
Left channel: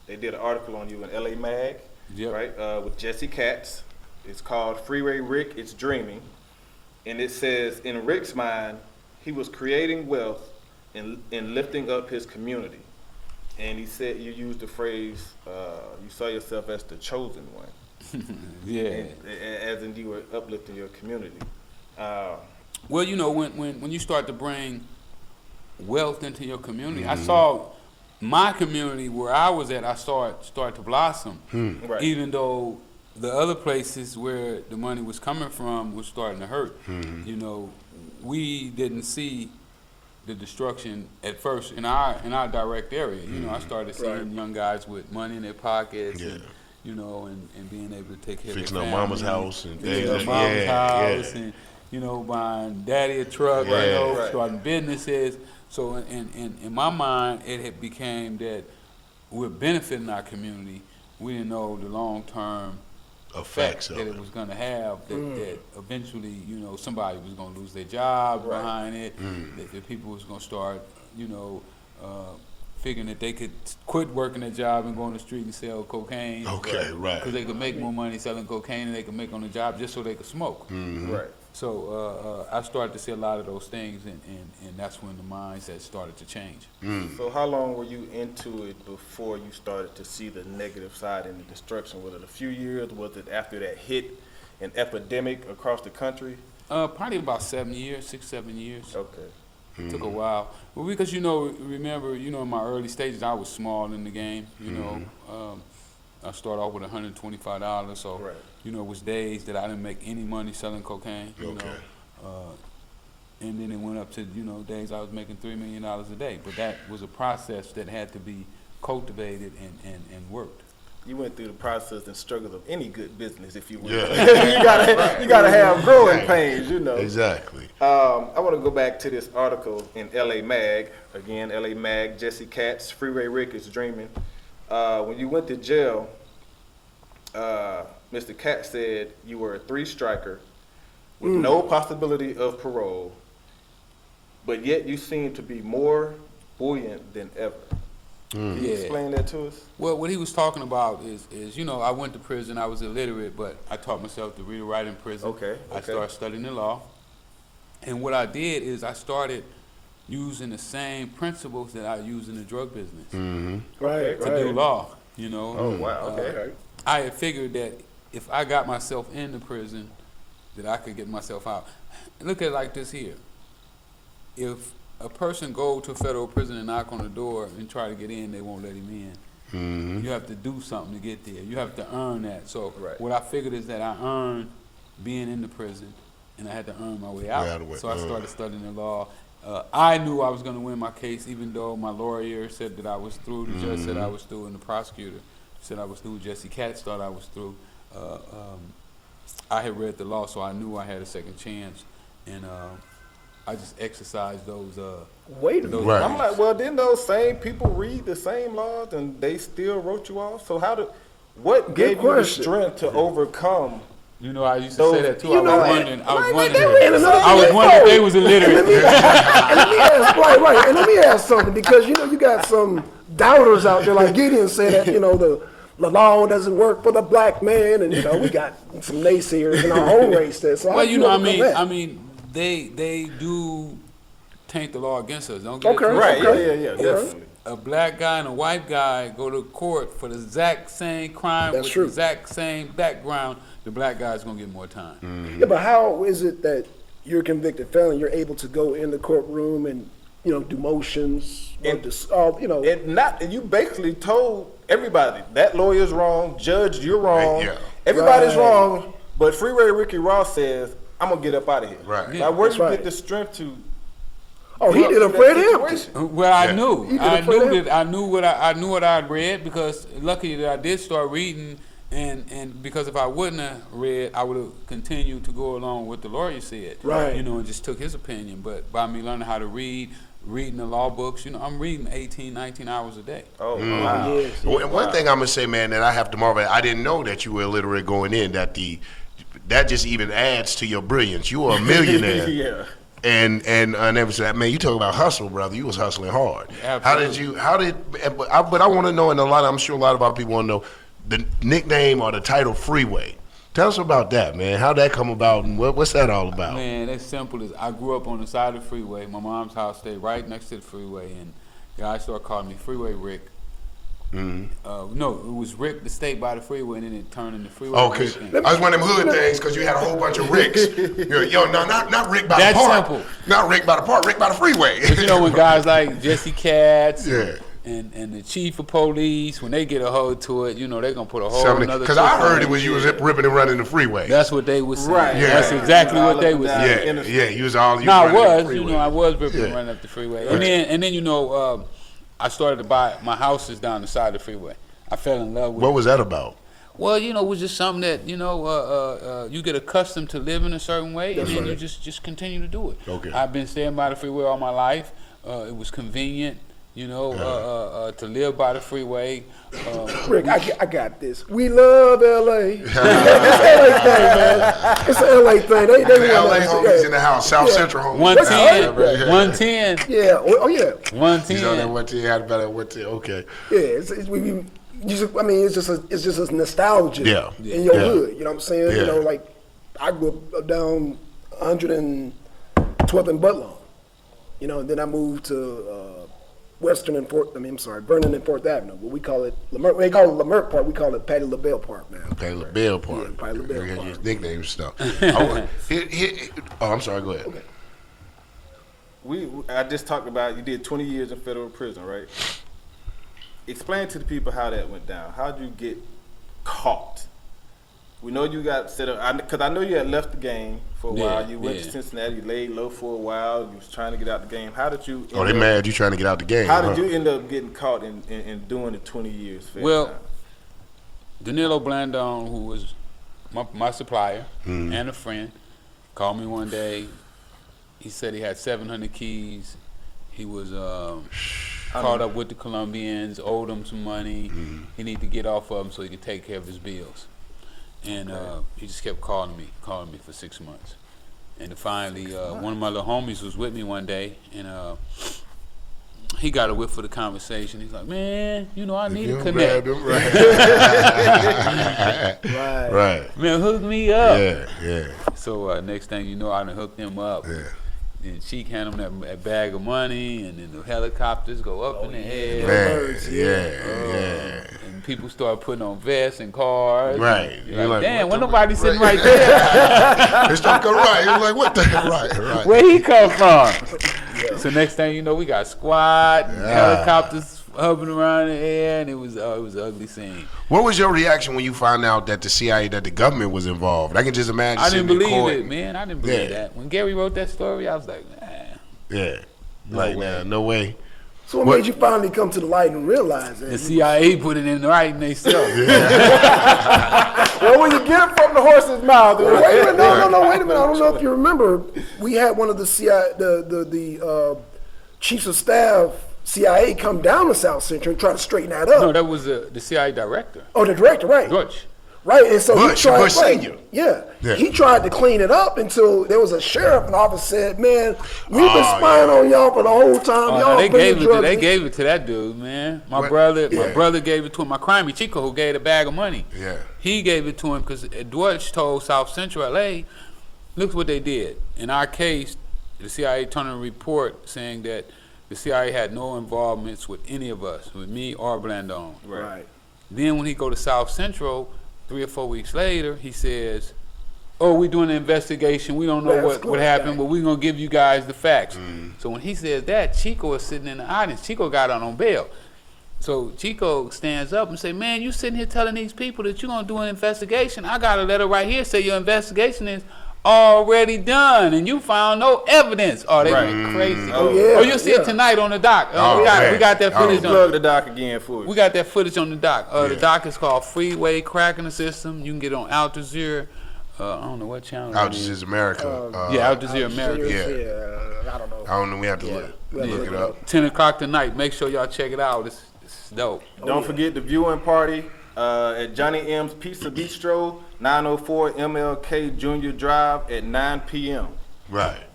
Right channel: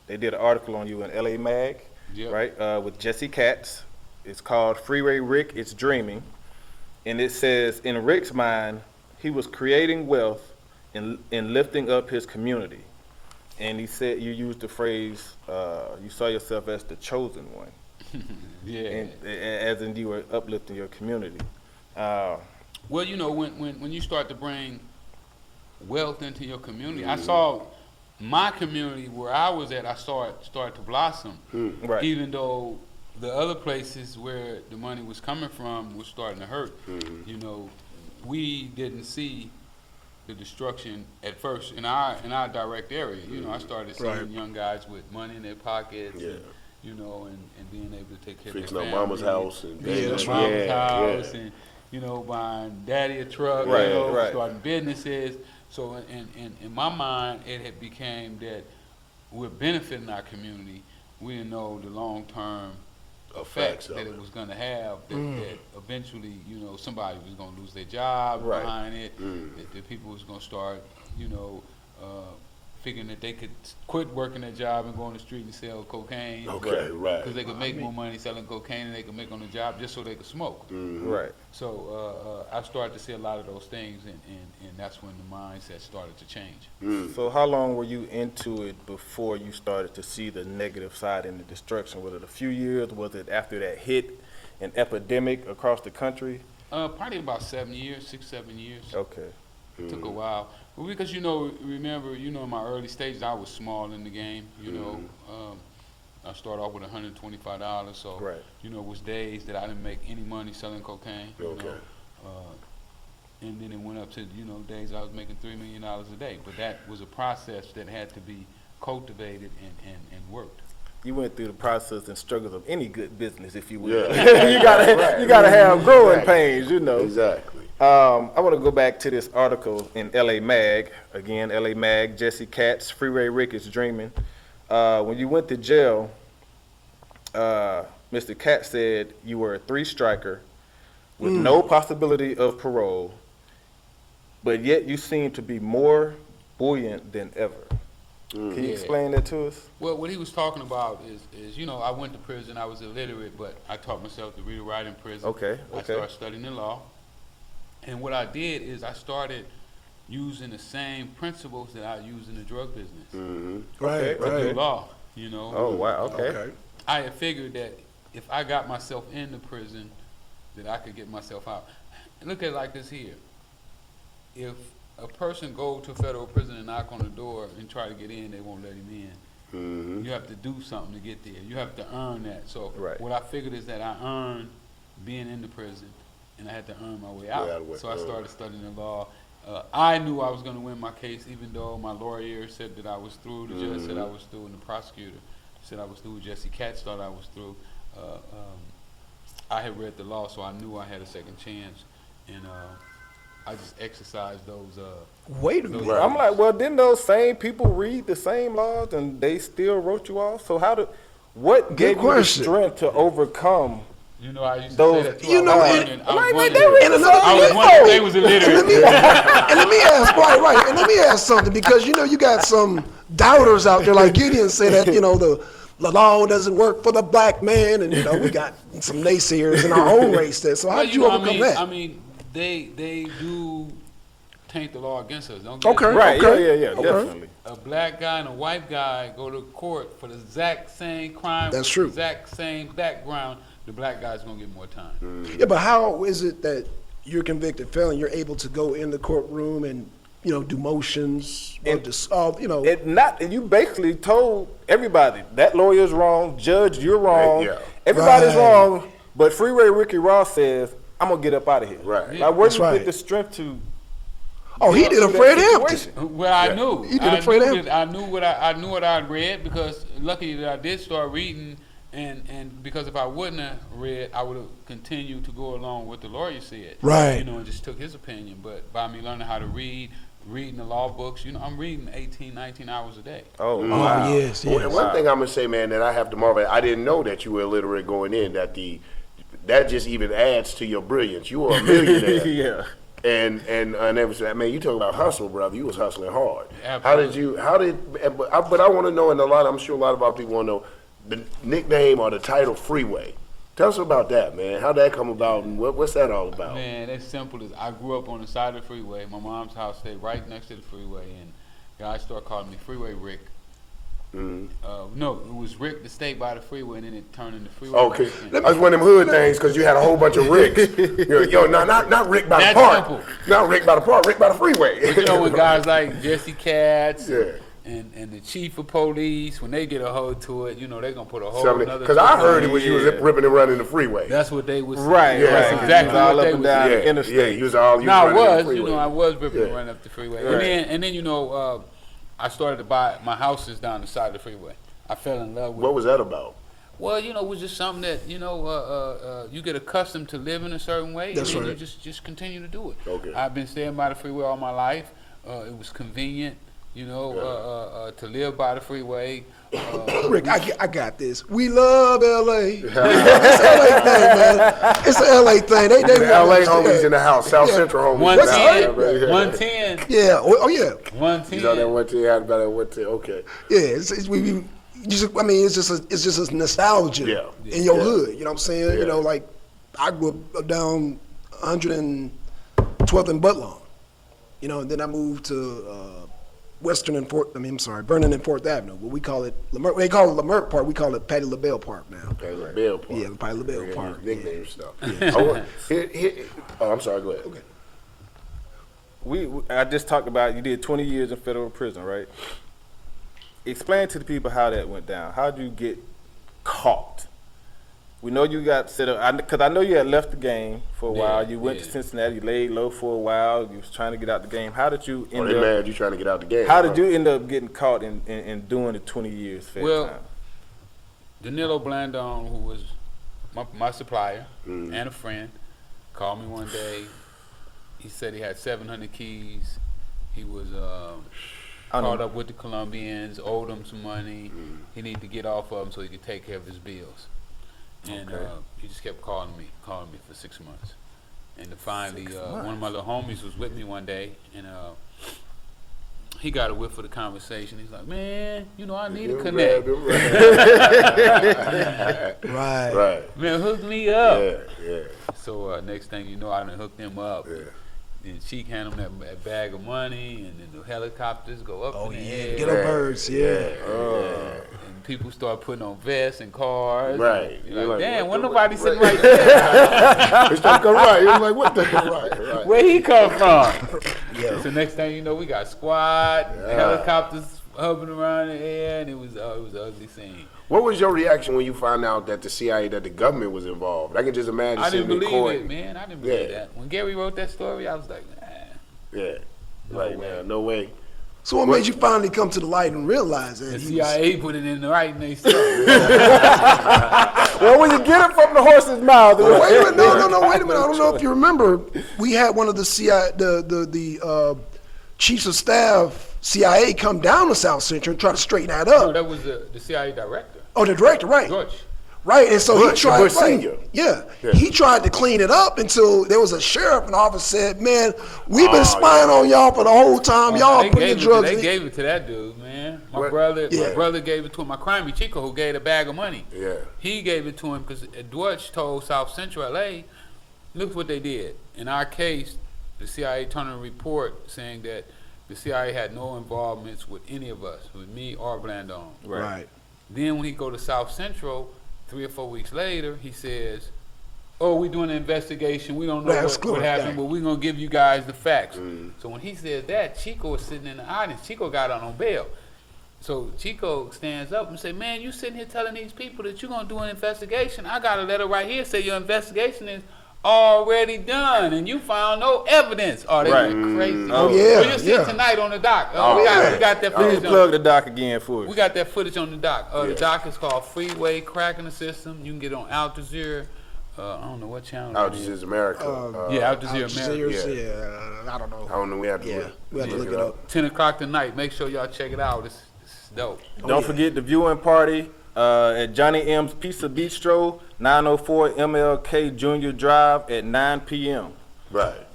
They did an article on you in LA Mag, Yep. right? With Jesse Katz. It's called "Freeway Rick It's Dreaming," and it says, in Rick's mind, he was creating wealth and lifting up his community. And he said, you used the phrase, you saw yourself as the chosen one. Yeah. As in you were uplifting your community. Well, you know, when you start to bring wealth into your community, I saw my community where I was at, I started to blossom. Right. Even though the other places where the money was coming from was starting to hurt. You know, we didn't see the destruction at first in our direct area. You know, I started seeing young guys with money in their pockets and, you know, and being able to take care Fixing of up their mama's family, house and fixing up things. mama's Yeah, house and, you know, buying daddy a truck, Right, you know, right. starting businesses. So in my mind, it had became that we're benefiting our community. We didn't know the long-term Effects effects of that it. it was going to have, that eventually, you know, somebody was going to lose their job behind it, that the people was going to start, you know, figuring that they could quit working their job and go on the street and sell cocaine. Okay, right. Because they could make more money selling cocaine than they could make on the job just so they could smoke. Right. So I started to see a lot of those things, and that's when the mindset started to change. So how long were you into it before you started to see the negative side and the destruction? Was it a few years? Was it after that hit an epidemic across the country? Probably about 7 years, 6, 7 years. Okay. It took a while. Well, because, you know, remember, you know, in my early stages, I was small in the game, you know. I started off with $125, so, Right. you know, it was days that I didn't make any money selling cocaine, you Okay. know. And then it went up to, you know, days I was making $3 million a day. But that was a process that had to be cultivated and worked. You went through the process and struggles of any good business, if you will. Yeah. you gotta have growing pains, you know. Exactly. I want to go back to this article in LA Mag. Again, LA Mag, Jesse Katz, Freeway Rick is Dreaming. When you went to jail, Mr. Katz said you were a 3-striker with no possibility of parole, but yet you seem to be more buoyant than ever. Can you Yeah. explain that to us? Well, what he was talking about is, you know, I went to prison, I was illiterate, but I taught myself to read and write in prison. Okay, I okay. started studying the law. And what I did is I started using the same principles that I use in the drug business Right, to do right. law, you know. Oh, wow, okay. Okay. I had figured that if I got myself into prison, that I could get myself out. Look at it like this here. If a person go to federal prison and knock on the door and try to get in, they won't let him in. You have to do something to get there. You have to earn that. So Right. what I figured is that I earned being in the prison, and I had to earn my way out. Way out of the way. So I started studying the law. I knew I was going to win my case, even though my lawyer said that I was through. The judge said I was through, and the prosecutor said I was through. Jesse Katz thought I was through. I had read the law, so I knew I had a second chance, and I just exercised those. Wait a minute. Right. I'm like, well, didn't those same people read the same laws and they still wrote you off? So what Good gave you the question. strength to overcome You know, I used to say that too. You know I what? was wondering if they was illiterate. And let me ask, right, and let me ask something, because you got some doubters out there like Gideon say that the law doesn't work for the black man, and we got some naysayers in our own race there. So how Well, do you overcome that? I mean, they do taint the law against us. Don't get Okay, it Right, okay. yeah, definitely. A black guy and a white guy go to court for the exact same crime That's with true. the exact same background. The black guy's gonna get more time. Yeah, but how is it that you're a convicted felon, you're able to go in the courtroom and do motions, or just And you basically told everybody that lawyer's wrong, judge, you're wrong, Yeah. everybody's Right. wrong. But Freeway Ricky Ross says, "I'm gonna get up out of here." Right. Now, where That's do you right. get the strength to? Oh, he did a Fred Hampton. Well, I knew. He did I it for them. knew that. I knew what I'd read, because lucky that I did start reading, and because if I wouldn't have read, I would have continued to go along with the lawyer said. Right. And just took his opinion. But by me learning how to read, reading the law books, I'm reading 18, 19 hours a day. Oh, Oh, wow. yes. One thing I'm gonna say, man, that I have to marvel at, I didn't know that you were illiterate going in. That just even adds to your brilliance. You are a millionaire. Yeah. And everything. Man, you talk about hustle, brother. You was hustling hard. Absolutely. But I want to know, and I'm sure a lot of our people want to know the nickname or the title Freeway. Tell us about that, man. How'd that come about, and what's that all about? Man, it's simple as I grew up on the side of the freeway. My mom's house stayed right next to the freeway, and guys started calling me Freeway Rick. No, it was Rick that stayed by the freeway, and then it turned into Freeway. Oh, cause Rick. I was one of them hood things, cause you had a whole bunch of Ricks. Not Rick by the That's park. simple. Not Rick by the park. Rick by the freeway. But with guys like Jesse Katz Yeah. and the chief of police, when they get a hold to it, they're gonna put a whole nother. Because I heard it when you was Yeah. ripping and running the freeway. That's what they was saying. Right. Yeah. That's exactly what they was saying. Yeah, interstate. you was all you No, running the I was, freeway. I was ripping and Yeah. running up the freeway, Right. and then I started to buy my houses down the side of the freeway. I fell in love with. What was that about? Well, it was just something that you get accustomed to living a certain way, That's and then right. you just continue to do it. Okay. I've been staying by the freeway all my life. It was convenient, to live by the freeway. Rick, I got this. We love LA. It's an LA thing, man. It's an LA thing. They LA homies in the house, South Central homies. 110, 110, Yeah. Oh yeah. 110. He's on that 110. Had about that 110. Okay. Yeah. It's just a nostalgia. Yeah. In your Yeah. hood, you know what I'm saying? Yeah. Like I grew up down 112th and Butler. Then I moved to Vernon and 4th Avenue. But we call it Lamert. We ain't call it Lamert Park. We call it Patty LaBelle Park now. Patty LaBelle Park. Yeah, Patty LaBelle Park. His nickname and stuff. I'm sorry. Go ahead. I just talked about you did 20 years in federal prison, right? Explain to the people how that went down. How did you get caught? We know you got set up, because I know you had left the game for a while. You went to Cincinnati, laid low for a while. You was trying to get out the game. How did you? They mad you trying to get out the game. How did you end up getting caught in doing the 20 years? Well, Danilo Blandon, who was my supplier and a friend, called me one day. He said he had 700 keys. He was caught up with the Colombians, owed them some money. He needed to get off of them so he could take care of his bills. And he just kept calling me for 6 months. And finally, one of my little homies was with me one day, and he got a whiff for the conversation. He's like, man, I need to connect. Right. Man, hook me up. Yeah. So next thing you know, I done hooked him up. Yeah. Then she hand him that bag of money, and then the helicopters go up in the air. Yeah. And people start putting on vests and cars. Right. You're You're like, like, man, what when the- nobody sitting right there. It's not come right. It's like, what the right. Where he come from? So next thing you know, we got squad, helicopters hovering around in the air, and it was an ugly scene. What was your reaction when you found out that the government was involved? I can just imagine. I didn't sitting in believe court. it, man. I didn't believe Yeah. that. When Gary wrote that story, I was like, Yeah. No way. So what made you finally come to the light and realize that? the CIA put it in writing themselves. well, when you get it from the horse's mouth, Wait a minute, no, wait a minute. I don't know if you remember. We had one of the CIA, the chiefs of staff, CIA, come down to South Central and try to straighten that No, up. that was the CIA director. Oh, the director, right? George. Right, and so Bush, he tried. Bush Senior. Yeah, Yeah. he tried to clean it up until there was a sheriff in the office said, "Man, we've been spying on y'all for the whole time. Y'all they bringing gave drugs." they gave it to that dude, man. My What? brother Yeah. gave it to him. My crimey Chico, who gave the bag of money. Yeah. He gave it to him because Deutsch told South Central LA, look what they did. In our case, the CIA turned a report saying that the CIA had no involvements with any of us, with me or Blandon. Right. Then when he go to South Central, 3 or 4 weeks later, he says, "Oh, we're doing an investigation. We don't know That's what good. happened, but we're gonna give you guys the facts." So when he says that, Chico is sitting in the audience. Chico got out on bail. So Chico stands up and say, "Man, you sitting here telling these people that you're gonna do an investigation. I got a letter right here say your investigation is already done, and you found no evidence." Oh, they went crazy. Oh, yeah, Oh, you'll see yeah. it tonight on the doc. Oh, We got that man. footage on. Plug the doc again for us. We got that footage on the doc. The doc is called Freeway, Cracking the System. You can get it on Al Jazeera. I don't know what channel. Out it is. is America. Yeah, Al Jazeera America. Yeah, I don't know. I don't know. We have to look it up. 10 o'clock tonight. Make sure y'all check it out. It's dope. Don't forget the viewing party at Johnny M's Pizza Bistro, 904 MLK Junior Drive at 9 p.m. Right.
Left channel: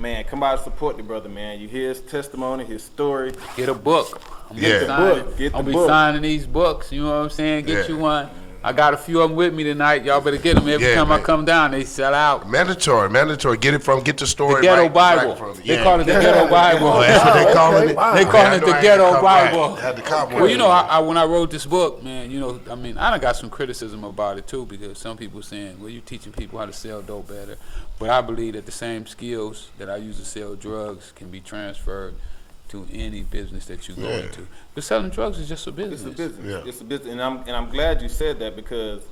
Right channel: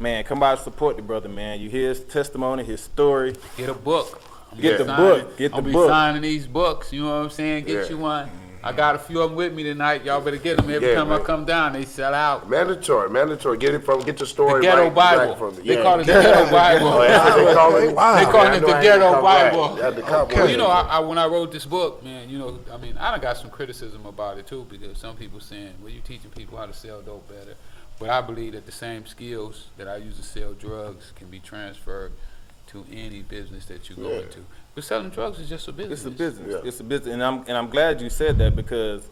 Man, come out and support the brother, man. You hear his testimony, his story. Get a book. I'm Yeah. gonna sign- Get the I'll be book. signing these books. You know what I'm saying? Get Yeah. you one. I got a few of them with me tonight. Y'all better get them. Every Yeah, time I man. come down, they sell out. Mandatory. Get the story The Ghetto right Bible. from it. They call it the Ghetto Bible. Oh, that's what they call it. They call it the I know I had Ghetto to come Bible. back. I had to come Well, back. you know, I when I wrote this book, man, you know, I mean, I done got some criticism about it too, because some people saying, well, you're teaching people how to sell dope better. But I believe that the same skills that I use to sell drugs can be transferred to any business that you go into. Because selling drugs is just a business. It's a business. Yeah. It's a business, and I'm glad you said that, because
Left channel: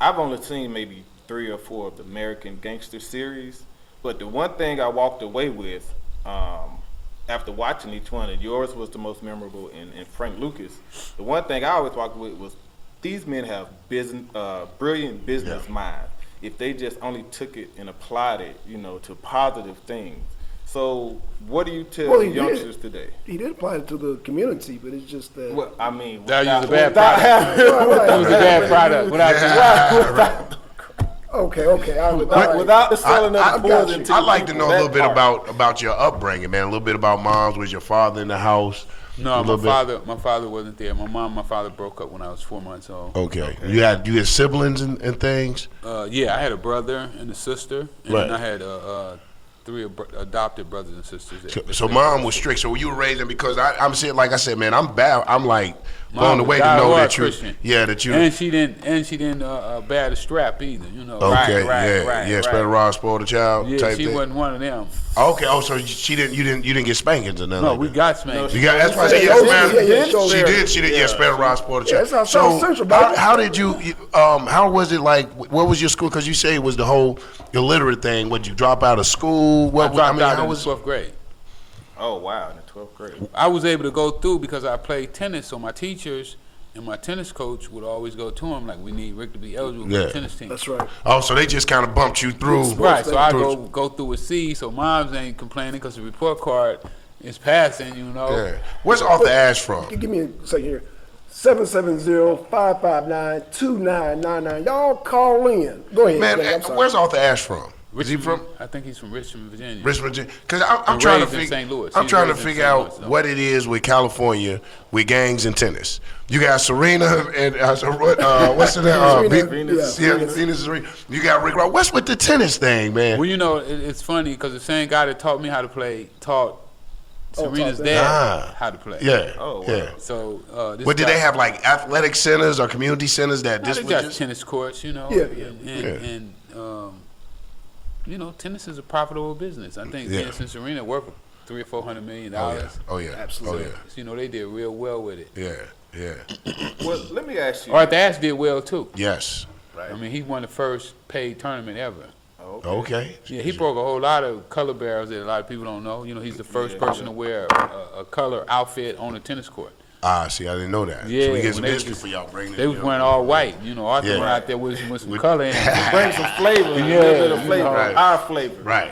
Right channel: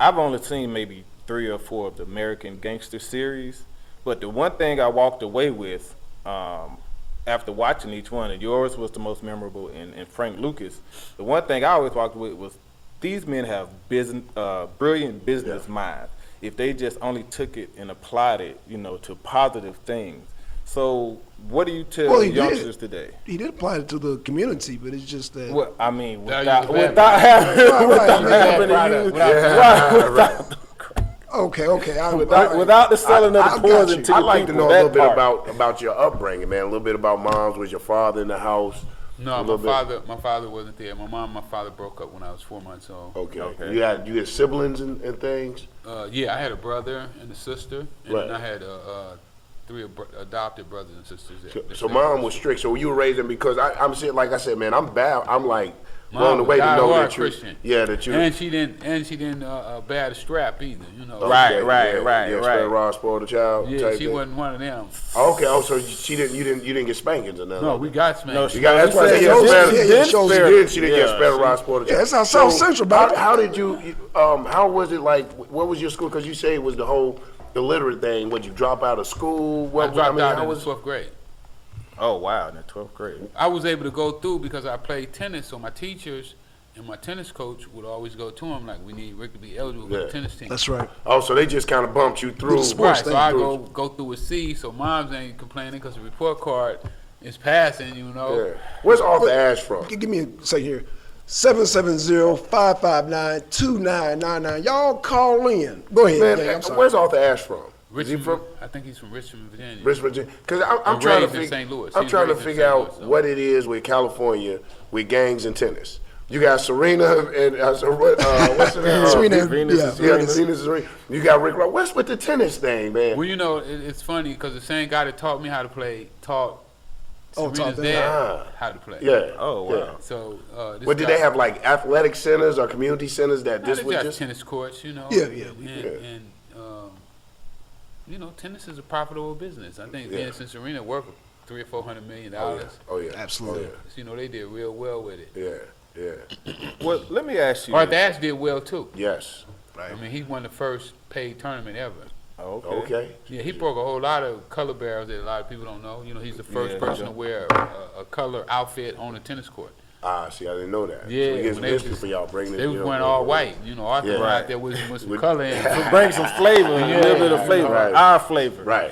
I've only seen maybe 3 or 4 of the American Gangster series, but the one thing I walked away with after watching each one, and yours was the most memorable, and Frank Lucas, the one thing I always walked away with was these men have brilliant business minds. If they just only took it and applied it, you know, to positive things. So what do you tell Well, he youngsters did. today? He did apply it to the community, but it's just that. Well, I mean, That without, was a bad without having, It was a bad product. without the selling of the poison to I'd the like to people, know a that little bit part. about your upbringing, man. A little bit about moms. Was your father in the house? No, A little bit. my father wasn't there. My mom and my father broke up when I was 4 months old. Okay. You had siblings and things. Yeah, I had a brother and a sister, and Right. then I had 3 adopted brothers and sisters. So mom was strict. So you were raising, because I'm saying, like I said, man, I'm bad. I'm like Mom blown was away to know diehard that you're. Christian. Yeah, that you. And she didn't bear the strap either. You know. Okay. Right. Yeah. Spare rod, spoil the child. Yeah, type she thing. wasn't one of them. Okay. Oh, so you didn't get spankings or nothing. No, like we that? got spanked. You got. That's why I said Yeah, she did. Yeah, spare the rod, spoil the child. that's how South Central, baby. How did you? How was it like? What was your school? Because you say it was the whole illiterate thing. Would you drop out of school? I dropped out how in was? 12th grade. Oh wow, in the 12th grade. I was able to go through because I played tennis, so my teachers and my tennis coach would always go to him like, we need Rick to be eligible for Yeah. the tennis team. That's right. Oh, so they just kind of bumped you through. Right, so I go through a C, so moms ain't complaining because the report card is passing, you know. Yeah. Where's Arthur Ashe from? Give me a second here. 770-559-2999. Y'all call in. Go ahead. Man, Yeah, I'm sorry. where's Arthur Ashe from? Is he from I think he's from Richmond, Virginia. Richmond? Because I'm And trying to raised in figure. St. Louis. I'm He's trying to raised in figure St. out Louis, so. what it is with California with gangs and tennis. You got Serena and what's her name? Serena, Venus. yeah. Venus and Serena. You got Rick Ross. What's with the tennis thing, man? Well, you know, it's funny because the same guy that taught me how to play taught Serena's taught dad how to play. Yeah. Oh, wow. Yeah. So, this But did guy- they have like athletic centers or community centers that No, this they was got just? tennis courts, you know. Yeah. And you know, tennis is a profitable business. I think Yeah. Venus and Serena work $300 or $400 million. Oh yeah. Absolutely. Oh, So, you know, they did real well with it. yeah. Yeah. Well, let me ask you. Arthur Ashe did well too. Yes. I mean, he won the first paid tournament ever. Okay. Yeah, he broke a whole lot of color barriers that a lot of people don't know. You know, he's the first person to wear a color outfit on a tennis court. Ah, see, I didn't know that. Yeah, so we get some when they biscuit was- for y'all bringing it. They was you know, wearing all white. You know, Arthur Yeah. went out there with some color in it. Bring some flavor, a little bit of flavor, Right. our flavor. Right.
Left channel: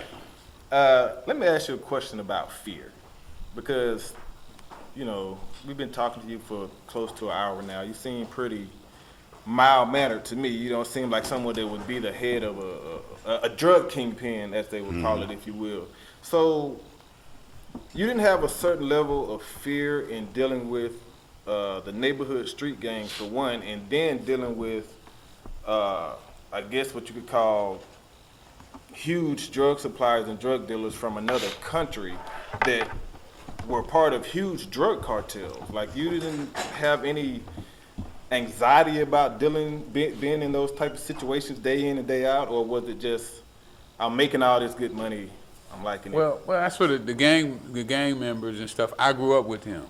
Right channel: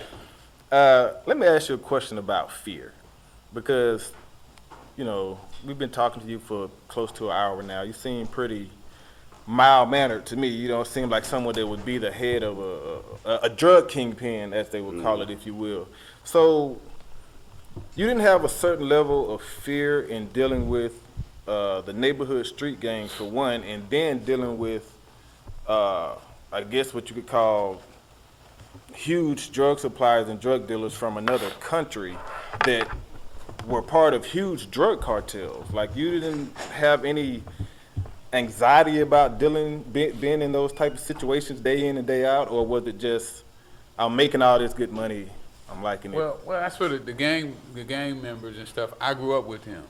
Let me ask you a question about fear, because, you know, we've been talking to you for close to an hour now. You seem pretty mild-mannered to me. You know, it seemed like someone that would be the head of a drug kingpin, as they would call it, if you will. So you didn't have a certain level of fear in dealing with the neighborhood street gangs, for one, and then dealing with, I guess what you could call huge drug suppliers and drug dealers from another country that were part of huge drug cartels. Like, you didn't have any anxiety about being in those type of situations day in and day out, or was it just, I'm making all this good money, I'm liking it? Well, that's what the gang members and stuff. I grew up with them.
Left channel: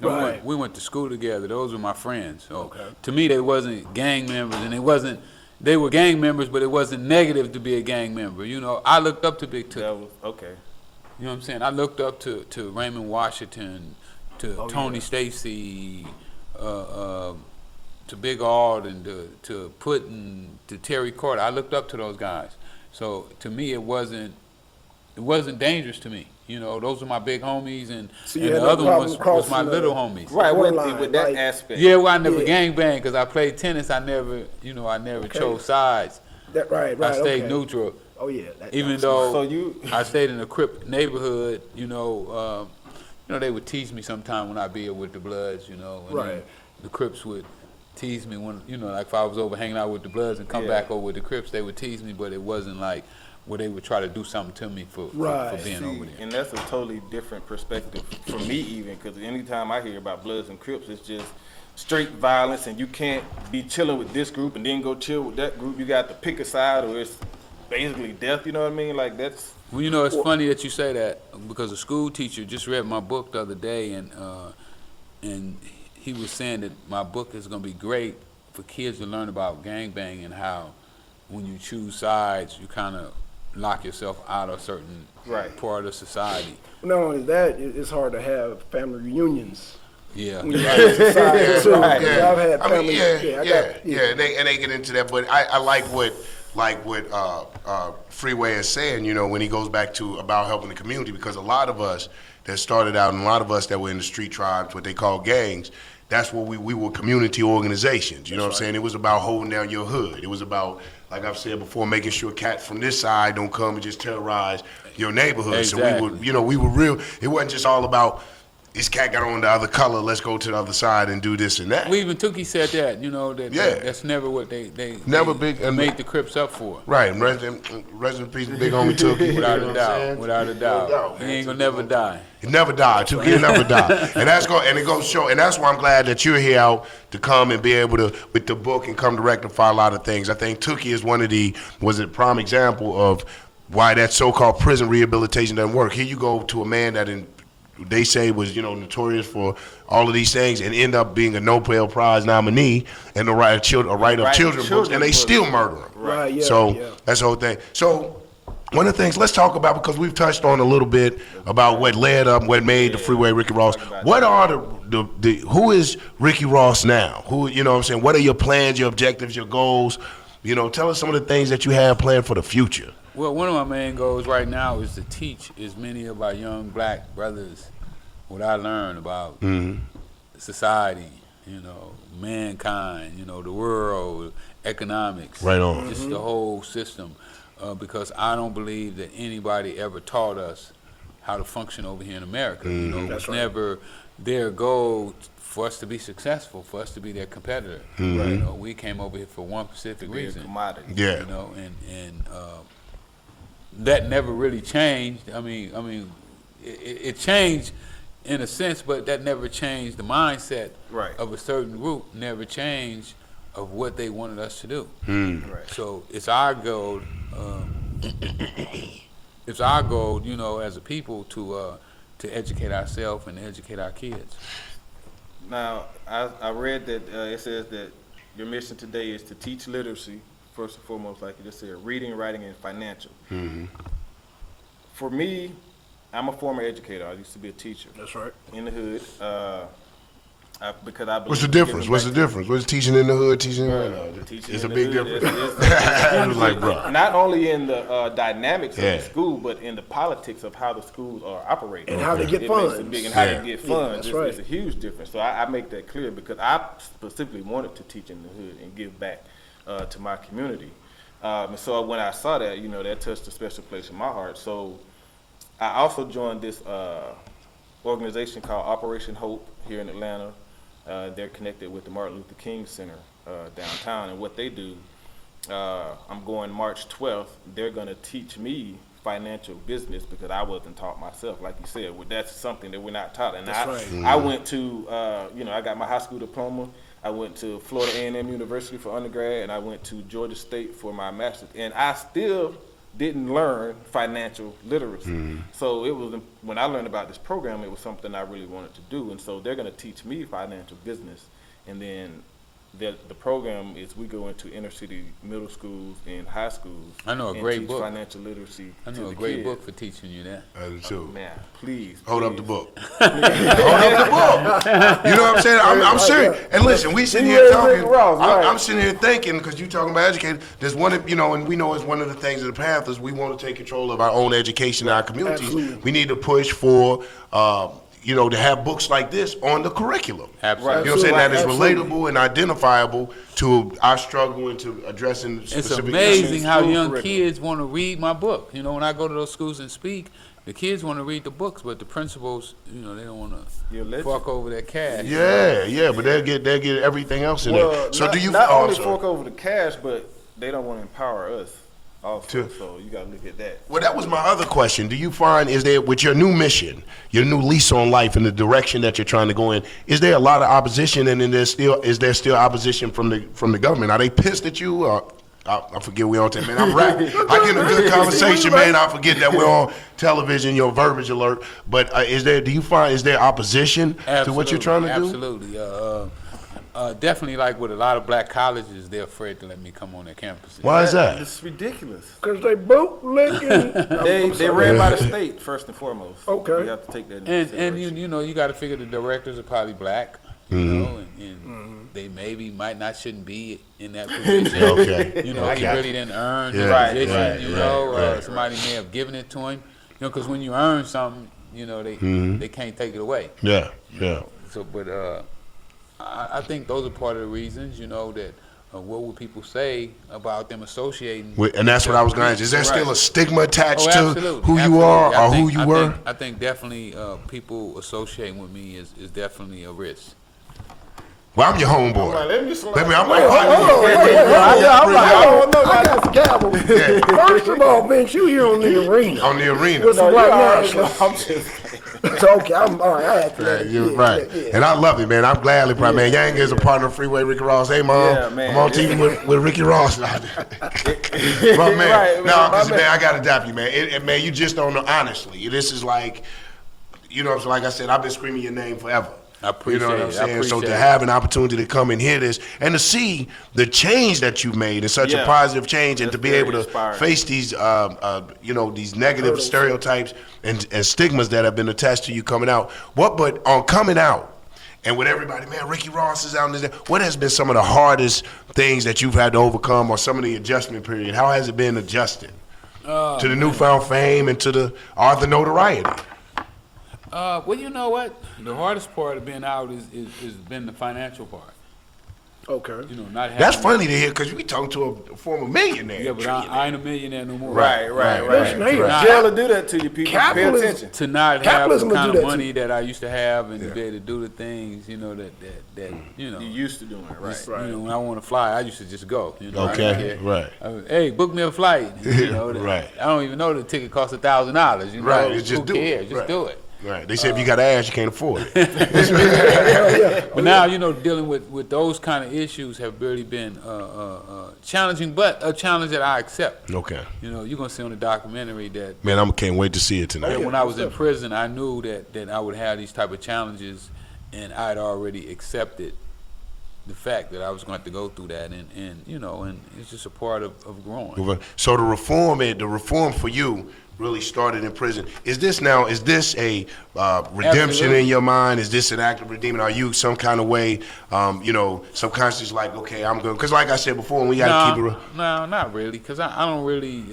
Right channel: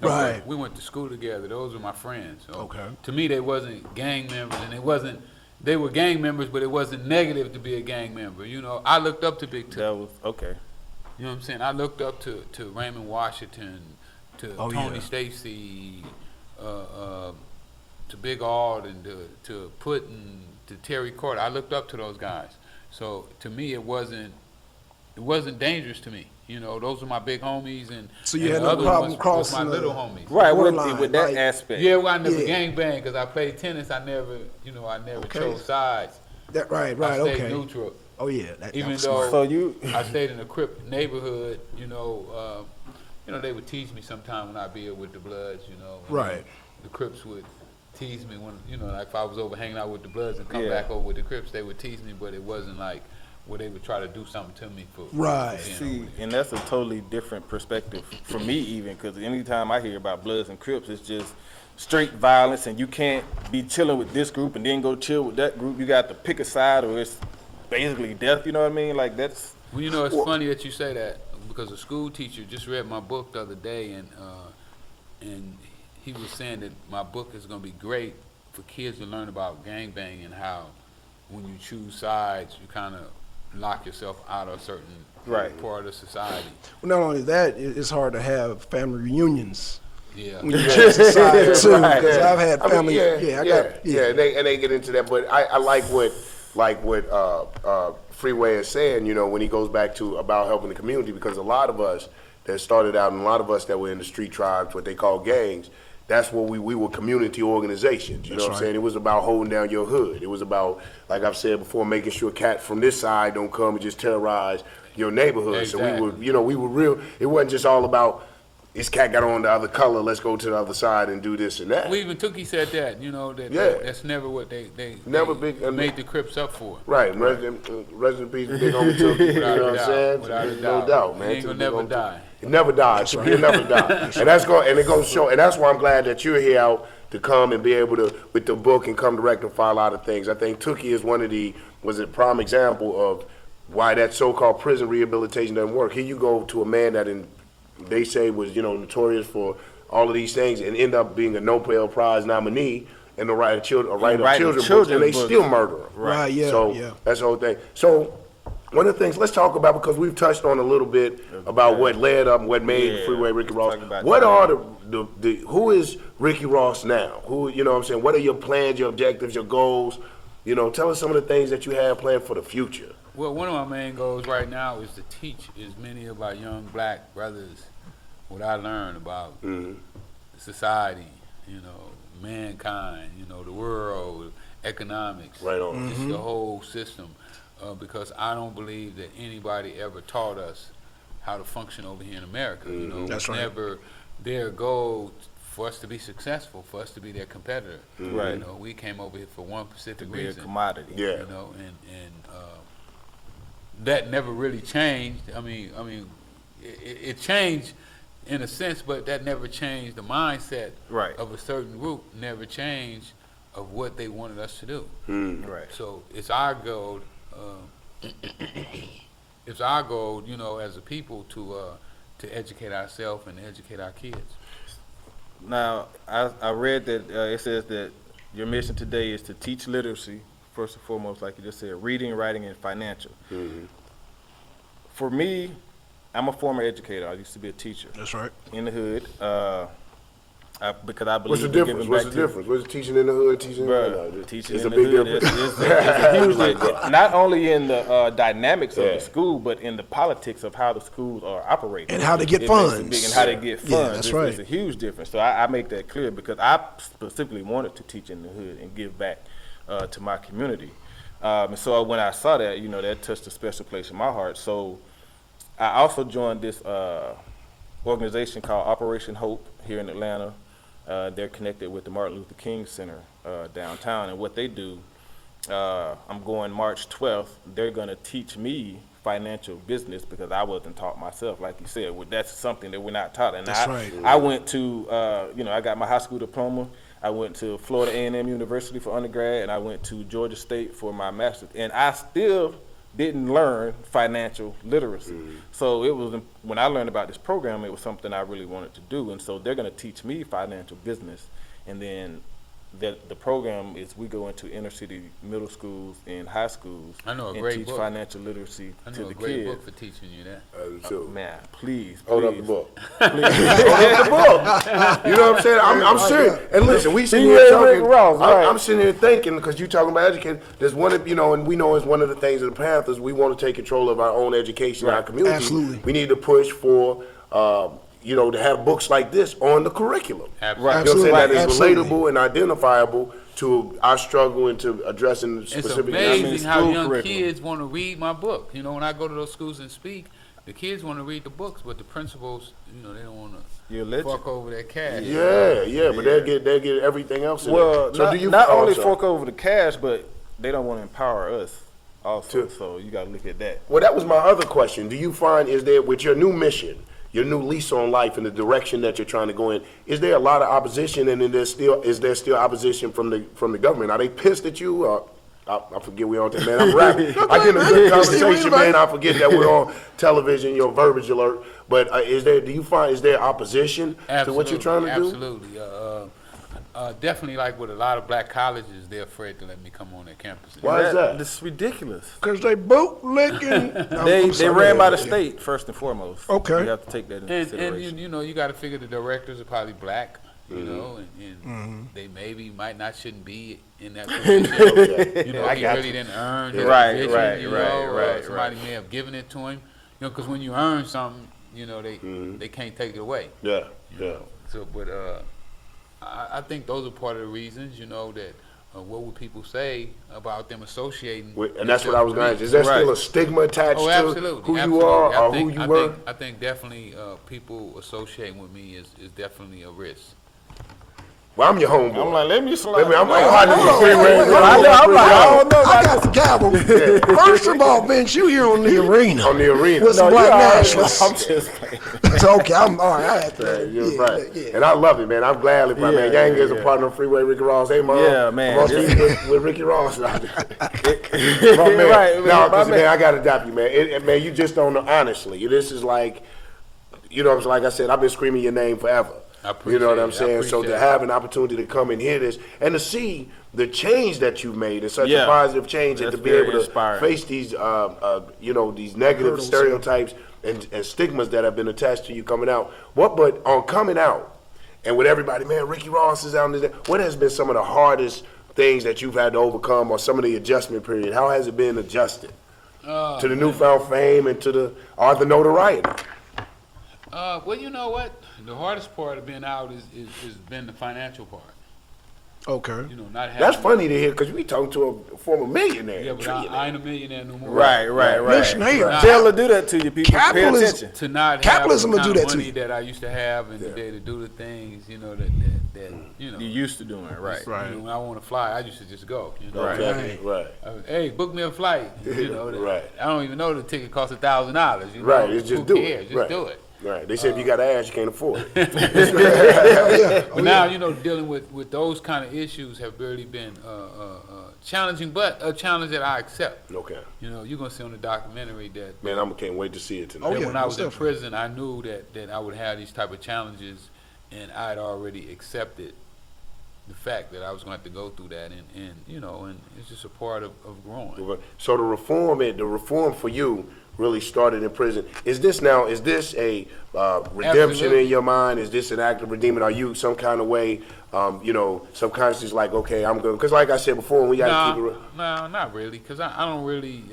Right. We went to school together. Those were my friends. So Okay. To me, they wasn't gang members, and they were gang members, but it wasn't negative to be a gang member. You know, I looked up to Big Took. That was, okay. You know what I'm saying? I looked up to Raymond Washington, to Tony Stacy, to Big Ard, and to Putin, to Terry Carter. I looked up to those guys. So to me, it wasn't dangerous to me. You know, those are my big homies, and, So you and had the no other problem ones was crossing my the- little homies. Right, Borderline, with that like- aspect. Yeah, well, I never Yeah. gang banged because I played tennis. I never chose sides. Right, I stayed okay. neutral. Oh yeah. Even that's though So I stayed in a Crip neighborhood, they would tease me sometime when I'd be with the Bloods, and Right. the Crips would tease me when, like if I was over hanging out with the Bloods and come back over with the Crips, they would tease me, but it wasn't like where they would try to do something to me for Right. being See, over there. and that's a totally different perspective for me, even, because anytime I hear about Bloods and Crips, it's just straight violence, and you can't be chilling with this group and then go chill with that group. You got to pick a side, or it's basically death. You know what I mean? Like, that's. Well, it's funny that you say that, because a school teacher just read my book the other day, and he was saying that my book is going to be great for kids to learn about gangbanging, and how when you choose sides, you kind of lock yourself out of a certain part of society. Not only that, it's hard to have family reunions. Yeah. When you choose a side, too. Right. So I've had I family. mean, and they get into that, but I like what Freeway is saying, when he goes back to about helping the community, because a lot of us that started out, and a lot of us that were in the street tribes, what they call gangs, that's what we were community organizations. You know what I'm saying? It was about holding down your hood. It was about, like I've said before, making sure cats from this side don't come and just terrorize your neighborhood. Exactly. So we were real. It wasn't just all about, this cat got on the other color, let's go to the other side and do this and that. We even Tookie said that, that's never what they Never big- made the Crips up for. Right, rest in peace, big homie Tookie. Without You know a what I'm doubt. saying? Without a No doubt. man. They ain't gonna never die. He never died. Tookie never died. And it goes to show, and that's why I'm glad that you're here out to come and be able to, with the book, and come to rectify a lot of things. I think Tookie is was a prime example of why that so-called prison rehabilitation doesn't work. Here you go to a man that they say was, notorious for all of these things, and end up being a Nobel Prize nominee and a right of children books, and they still murder him. Right, yeah, So yeah. that's the whole thing. So one of the things, let's talk about, because we've touched on a little bit about what led up, what made the Freeway Ricky Ross. What are who is Ricky Ross now? Who, you know what I'm saying? What are your plans, your objectives, your goals? Tell us some of the things that you have planned for the future. Well, one of my main goals right now is to teach as many of our young black brothers what I learned about society, mankind, the world, economics. Right on. Just the whole system. Because I don't believe that anybody ever taught us how to function over here in America. That's It's right. never their goal for us to be successful, for us to be their competitor. Right. We came over here for one specific We're a reason. commodity. Yeah. And that never really changed. I mean, it changed in a sense, but that never changed the mindset of a certain group. Never changed of what they wanted us to do. Right. So it's our goal. It's our goal, as a people, to educate ourselves and educate our kids. Now, I read that it says that your mission today is to teach literacy, first and foremost, like you just said, reading, writing, and financial. For me, I'm a former educator. I used to be a teacher. That's right. In the hood. Because I believe What's the in difference? giving What's back the difference? What's teaching in the hood, teaching in the hood? The teaching It's in a the big hood difference. is huge like that. Not only in the dynamics of the school, but in the politics of how the schools are operating. And how to get funds. And how to get funds. That's right. It's a huge difference. So I make that clear because I specifically wanted to teach in the hood and give back to my community. And so when I saw that, that touched a special place in my heart. So I also joined this organization called Operation Hope here in Atlanta. They're connected with the Martin Luther King Center downtown, and what they do, I'm going March 12th. They're going to teach me financial business because I wasn't taught myself. Like you said, that's something that we're not taught. And I went to, I got my high school diploma. I went to Florida A&M University for undergrad, and I went to Georgia State for my master's. And I still didn't learn financial literacy. So it was, when I learned about this program, it was something I really wanted to do. And so they're going to teach me financial business. And then the program is we go into inner city middle schools and high schools. I know a great teach book. Financial literacy I to know the a great kids. book for teaching you that. I do too. Man, please. Hold up the book. Hold up the book. You know what I'm saying? I'm serious. And listen, we sitting here talking. I'm sitting here thinking, because you're talking about educating, there's one of, and we know it's one of the things of the Panthers, we want to take control of our own education in our community. Absolutely. We need to push for, to have books like this on the curriculum. Absolutely. You know what I'm saying? That is Absolutely. relatable and identifiable to our struggle and to addressing It's specific amazing issues. how young kids want to read my book. When I go to those schools and speak, the kids want to read the books, but the principals, they don't want to fuck over their cash. Yeah, but they'll get everything else in there. So not only fork over the cash, but they don't want to empower us also. So you got to look at that. Well, that was my other question. Do you find, is there, with your new mission, your new lease on life and the direction that you're trying to go in, is there a lot of opposition, and then is there still opposition from the government? Are they pissed at you? I forget we're on man. I'm rapping. I get a good conversation, man. I forget that we're on television, your verbiage alert. But is there opposition to what you're trying to do? Absolutely. Definitely, like with a lot of black colleges, they're afraid to let me come on their campuses. Why is that? It's ridiculous. Because they both looking. They ran by the state first and foremost. Okay. You have to take that into And consideration. you got to figure the directors are probably black, and they shouldn't be in that position. Okay. They Okay. really didn't earn that position. Right. Somebody may have given it to him. Because when you earn something, they can't take it away. Yeah. So, but I think those are part of the reasons, that what will people say about them associating? And that's what I was going to ask. Is there still a stigma attached to absolutely. who you are or who you were? I think definitely people associating with me is definitely a risk. Well, I'm your homeboy. I'm like, let me slide. I'm like, I got the gavel. First of all, Vince, you here on the arena. On the arena. With some black nationalists. I'm just It's okay, I'm all right. You're right. And I love it, man. I'm gladly proud, man. Yang is a partner of Freeway, Ricky Ross. Hey, Mom. Yeah, man. I'm on team with Ricky Ross. But, man, because, man, I got to dap you, man. Man, you just don't know, honestly. This is like, like I said, I've been screaming your name forever. I appreciate You know what I'm saying? So to have an opportunity to come and hear this and to see the change that you've made and such a positive change, and to be able to face these, these negative stereotypes and stigmas that have been attached to you coming out. But on coming out, and with everybody, man, Ricky Ross is out there. What has been some of the hardest things that you've had to overcome, or some of the adjustment period? How has it been adjusted to the newfound fame and to the author notoriety? Well, you know what? The hardest part of being out is been the financial part. Okay. Not having. That's funny to hear, because we talking to a former millionaire. Yeah, but I ain't a millionaire no more. right. Jail will do that to you, people. Pay Capitalism. attention. To not have the Capitalism will kind do of that to money that I used to have, and to be able to do the things, that You used to doing it, right? when I want to fly, I used to just go. Okay, right. Hey, book me a flight. Right. I don't even know the ticket costs $1,000. Right, just Who do cares? it. Just Right. do it. Right. They say if you got ass, you can't afford it. But now, dealing with those kind of issues have really been challenging, but a challenge that I accept. Okay. You're going to see on the documentary that Man, I can't wait to see it tonight. when I was in prison, I knew that I would have these type of challenges, and I'd already accepted the fact that I was going to have to go through that, and you know, and it's just a part of growing. So the reform for you really started in prison. Is this a redemption Absolutely. in your mind? Is this an act of redeeming? Are you some kind of way, subconscious, like, okay, I'm good? Because like I said before, we got to keep it real. No, not really, because I don't really,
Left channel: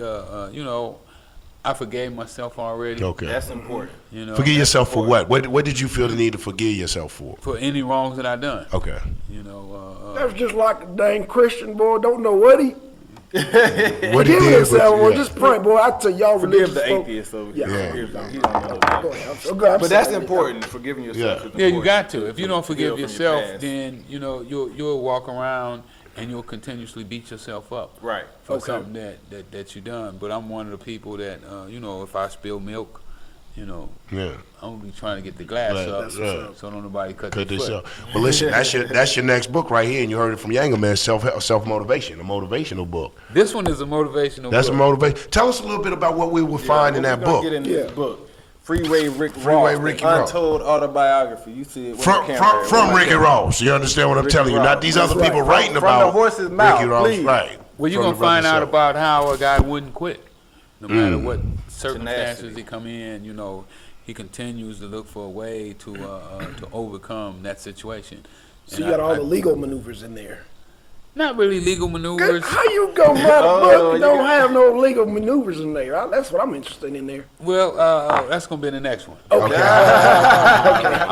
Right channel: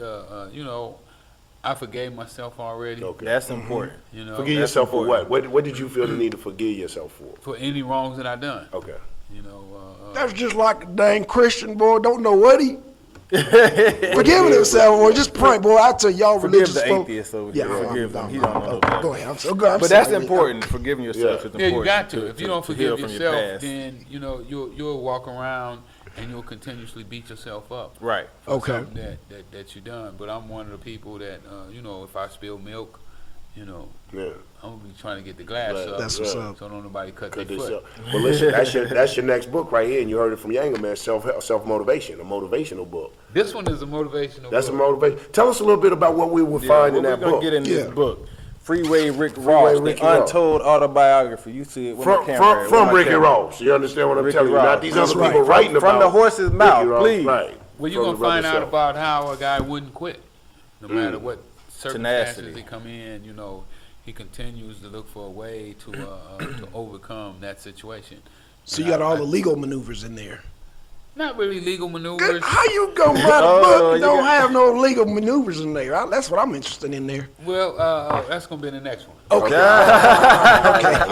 I forgave myself already. Okay. That's important. You know, Forgive yourself for what? What did you feel the need to forgive yourself for? for any wrongs that I done. Okay. You know, That's just like a dang Christian boy, don't know what he. What Forgive did, himself, but- boy. Just pray, boy. I tell y'all Forgive religious the folk. atheist, so Yeah. forgive him. He don't know. Go ahead. I'm so good. I'm But that's sorry. important. Forgiving yourself is important. yeah, you got to. If you don't forgive from your yourself, past. then you know you'll walk around and you'll continuously beat yourself up. Right. For something that you done. But I'm one of the people that if I spill milk, Yeah. I'm gonna be trying to get the glass Right. up. That's what's up. So don't nobody cut Cut their this foot. up. Well, listen, that's your next book right here, and you heard it from Younger Man, self-motivation, a motivational book. This one is a motivational That's a book. motivation. Tell us a little bit about what we will find in that book. Get in this book. Freeway Rick Freeway Ross, Ricky the Ross. untold autobiography. You see it with From the camera. from Ricky Ross. You understand what I'm Ricky telling you? Ross. Not these That's other right. people writing From about the horse's mouth, Ricky Ross, please. right? Well, you're From gonna the find out himself. about how a guy wouldn't quit, no matter what circumstances Tenacity. he come in. He continues to look for a way to overcome that situation. So you got all the legal maneuvers in there. Not really legal maneuvers. How you gonna write a Oh, book and yeah. don't have no legal maneuvers in there? That's what I'm interested in there. Well, that's gonna be the next one. Okay. I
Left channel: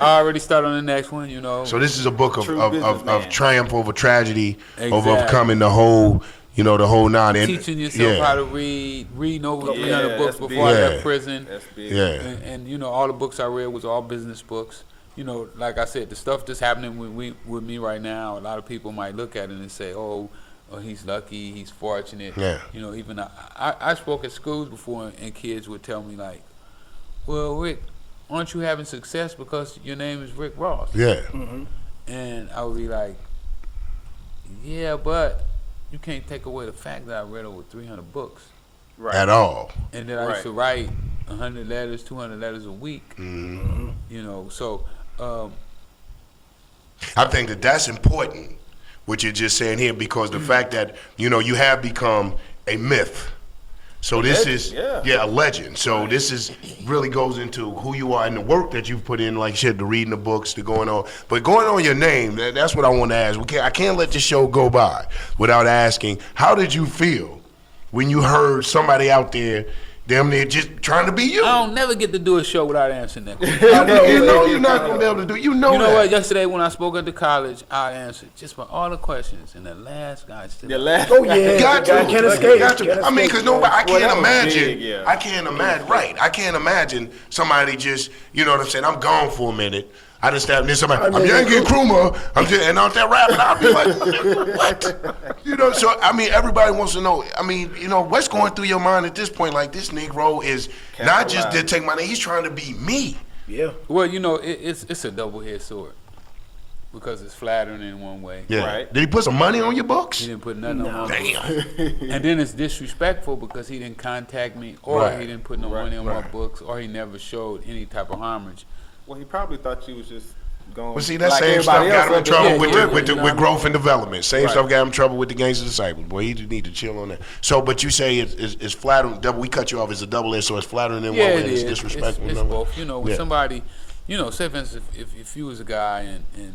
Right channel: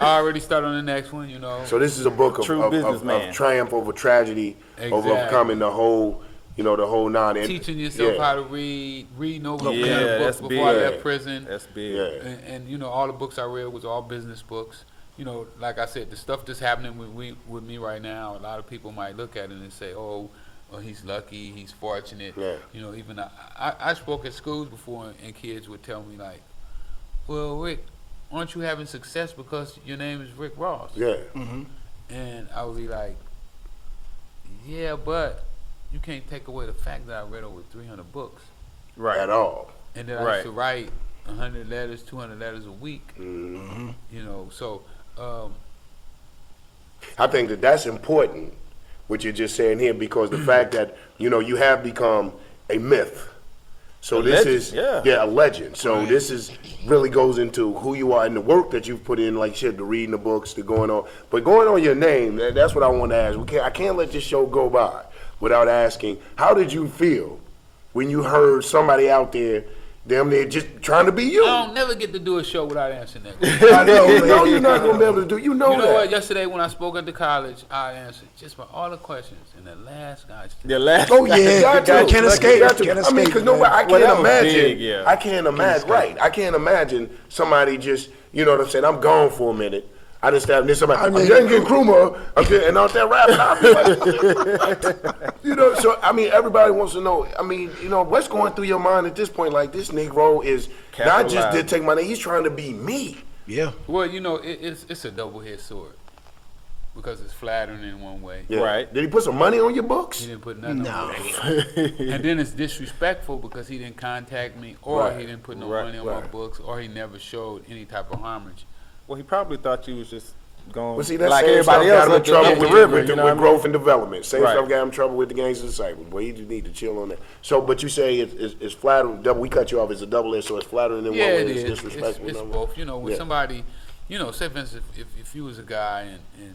already started on the next one. So this is a book of True businessman. triumph over tragedy, of Exactly. overcoming the whole nine. And, teaching yourself how to reading over a Yeah, of that's books big. before I Yeah. left prison. That's big. Yeah. And all the books I read was all business books. Like I said, the stuff that's happening with me right now, a lot of people might look at it and say, oh, he's lucky, he's fortunate. Yeah. Even I spoke at schools before, and kids would tell me like, well, Rick, aren't you having success because your name is Rick Ross? Yeah. And I would be like, yeah, but you can't take away the fact that I read over 300 books. Right. At all. And then I used to write 100 letters, 200 letters a week. So I think that's important, what you're just saying here, because the fact that, you have become a myth. So this is a legend. So this is really goes into who you are and the work that you've put in, like you said, the reading the books, the going on. But going on your name, that's what I want to ask. I can't let this show go by without asking, how did you feel when you heard somebody out there damn near just trying to be you? I don't never get to do a show without answering that question. You know you're not going to be able to do. You know You know that. what? Yesterday when I spoke at the college, I answered just for all the questions, and the last guy still. The last Oh yeah, Got to. Can't escape. Got to. Can't I mean, escape. because I can't Well, imagine. big, yeah. I can't imagine. Right. I can't imagine somebody just, you know what I'm saying? I'm gone for a minute. I just have this. Somebody, I'm young and Krumah. And out there rapping. I'll be like, what? So I mean, everybody wants to know. I mean, what's going through your mind at this point? Like, this Negro is not just to take my name. He's trying to be me. Yeah. Well, it's a double-edged sword because it's flattering in one way. Yeah. Right. Did he put some money on your books? He didn't put nothing on my books. Damn. And then it's disrespectful because he didn't contact me, or Right. he didn't put no money on my books, or he never showed any type of homage. Well, he probably thought you was just going. But see, that like same stuff everybody got him in else, trouble like with, the the, river, with, the, you know with what I mean? growth and development. Same Right. stuff got him in trouble with the Gangs of Disciples. Well, he just need to chill on that. So, but you say it's flattering. We cut you off as a double edged, so it's flattering in one way, it and it's is. disrespectful. It's in another. both. When Yeah. somebody, say for instance, if you was a guy and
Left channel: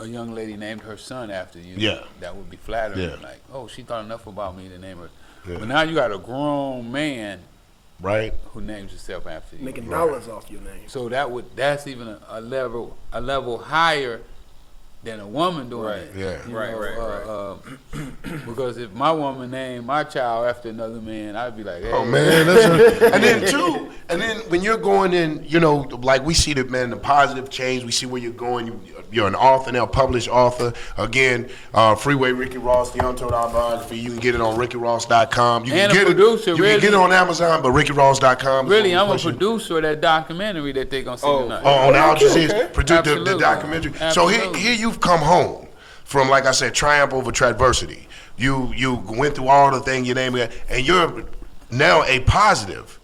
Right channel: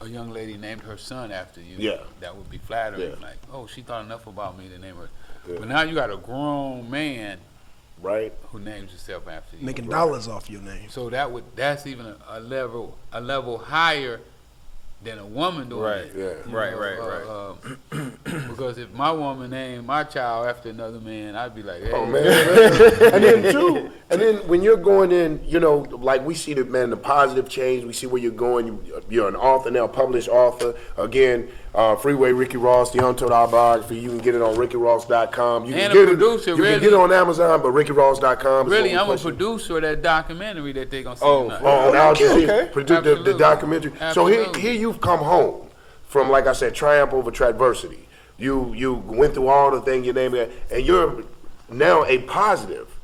a young lady named her son after you, Yeah. that would be flattering. Yeah. Like, oh, she thought enough about me to name her. Yeah. But now you got a grown man Right. who names himself after you. Making dollars off your name. So that's even a level higher than a woman doing Right, it. yeah. You Right, know, because if my woman named my child after another man, I'd be like, hey, Oh man, and then when you're going in, like we see the positive change. We see where you're going. You're an author now, published author. Again, Freeway Ricky Ross, the Untold Autobiography. You can get it on RickyRoss.com. You And can a get producer, it. You really. can get it on Amazon, but RickyRoss.com. is Really, gonna I'm a push it. producer of that documentary that they're going to see tonight. On Al Jazeera, okay. produce the Absolutely. documentary. So Absolutely. here you've come home from, like I said, triumph over adversity. You went through all the things you named it, and you're now a positive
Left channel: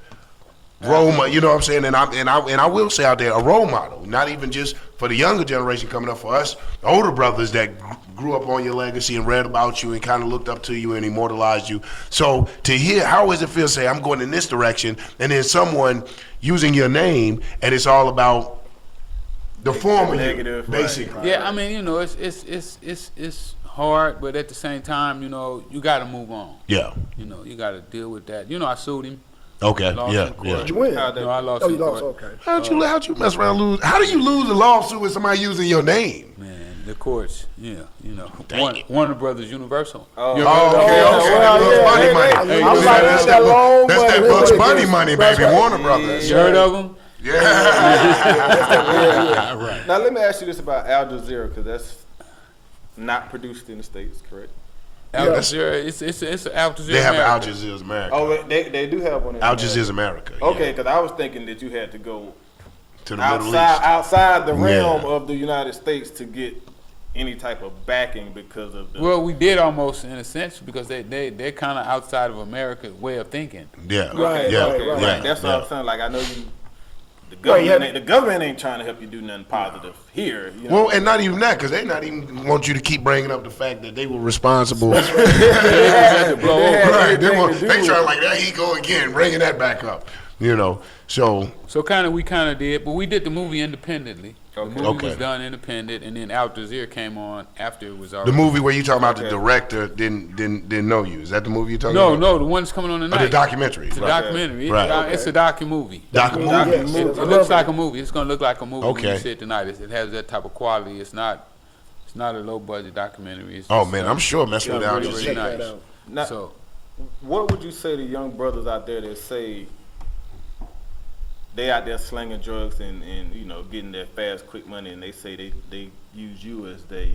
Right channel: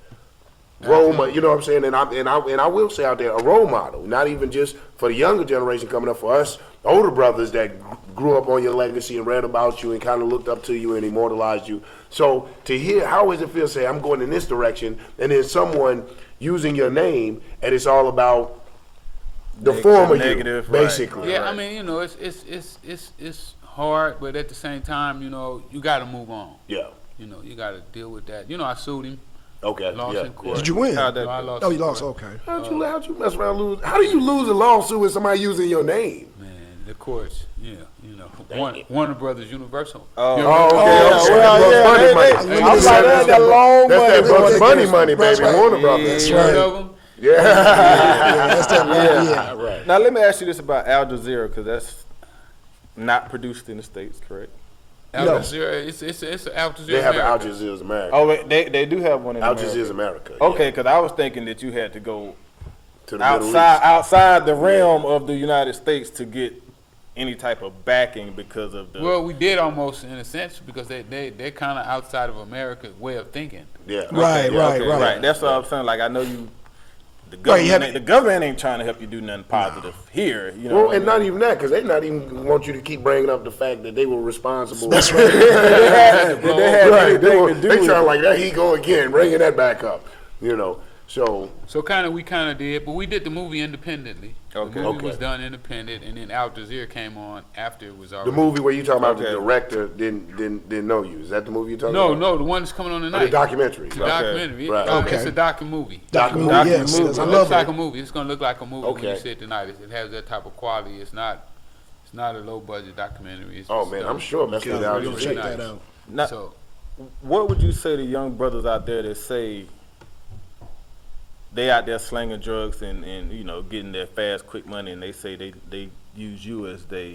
role model. You know what I'm saying? And I will say out there a role model, not even just for the younger generation coming up, for us older brothers that grew up on your legacy and read about you and kind of looked up to you and immortalized you. So to hear, how does it feel to say I'm going in this direction, and then someone using your name and it's all about the former you, basically. Yeah, I mean, you know, it's hard, but at the same time, you know, you got to move on. Yeah. You know, you got to deal with that. You know, I sued him. Okay. Lost Yeah. in court. Yeah. Did you win? No, I lost. Oh, you in lost. court. Okay. How'd you mess around and lose? How do you lose a lawsuit with somebody using your name? Man, the courts, yeah, you know, Dang it. Warner Brothers Universal. Oh, okay. That's that Bugs Bunny money, baby. Warner Brothers. You heard of them? Yeah. Right. Now let me ask you this about Al Jazeera, because that's not produced in the States, correct? Al Jazeera, it's Al Jazeera. They have an America. Al Jazeera's America. Oh, wait, they do have one in Al America. Jazeera's America. Okay, because I was thinking that you had to go To the Middle East. outside the realm of the United States to get any type of backing because of the. Well, we did almost in a sense because they're kind of outside of America's way of thinking. Yeah. Right, Yeah. right. That's what I'm saying. Like, I know you. The government ain't trying to help you do nothing positive here. You know? Well, and not even that, because they not even want you to keep bringing up the fact that they were responsible. Right. They trying like that. He go again, bringing that back up. You know. So we kind of did, but we did the movie independently. Okay. The movie was Okay. done independent, and then Al Jazeera came on after it was the already. movie where you talking about the director didn't know you. Is that the movie you talking No, about? no, the one that's coming on Or tonight. the documentary. It's a documentary. Right. It's a docu-movie. Documentary. Yes, It yes, I looks love like it. a movie. It's gonna look like a movie when Okay. you see it tonight. It has that type of quality. It's not a low budget documentary. It's Oh just, man, I'm sure messing with Al really, really Check Jazeera. that out. Now, So what would you say to young brothers out there that say they out there slinging drugs and you know getting that fast, quick money, and they say they use you as their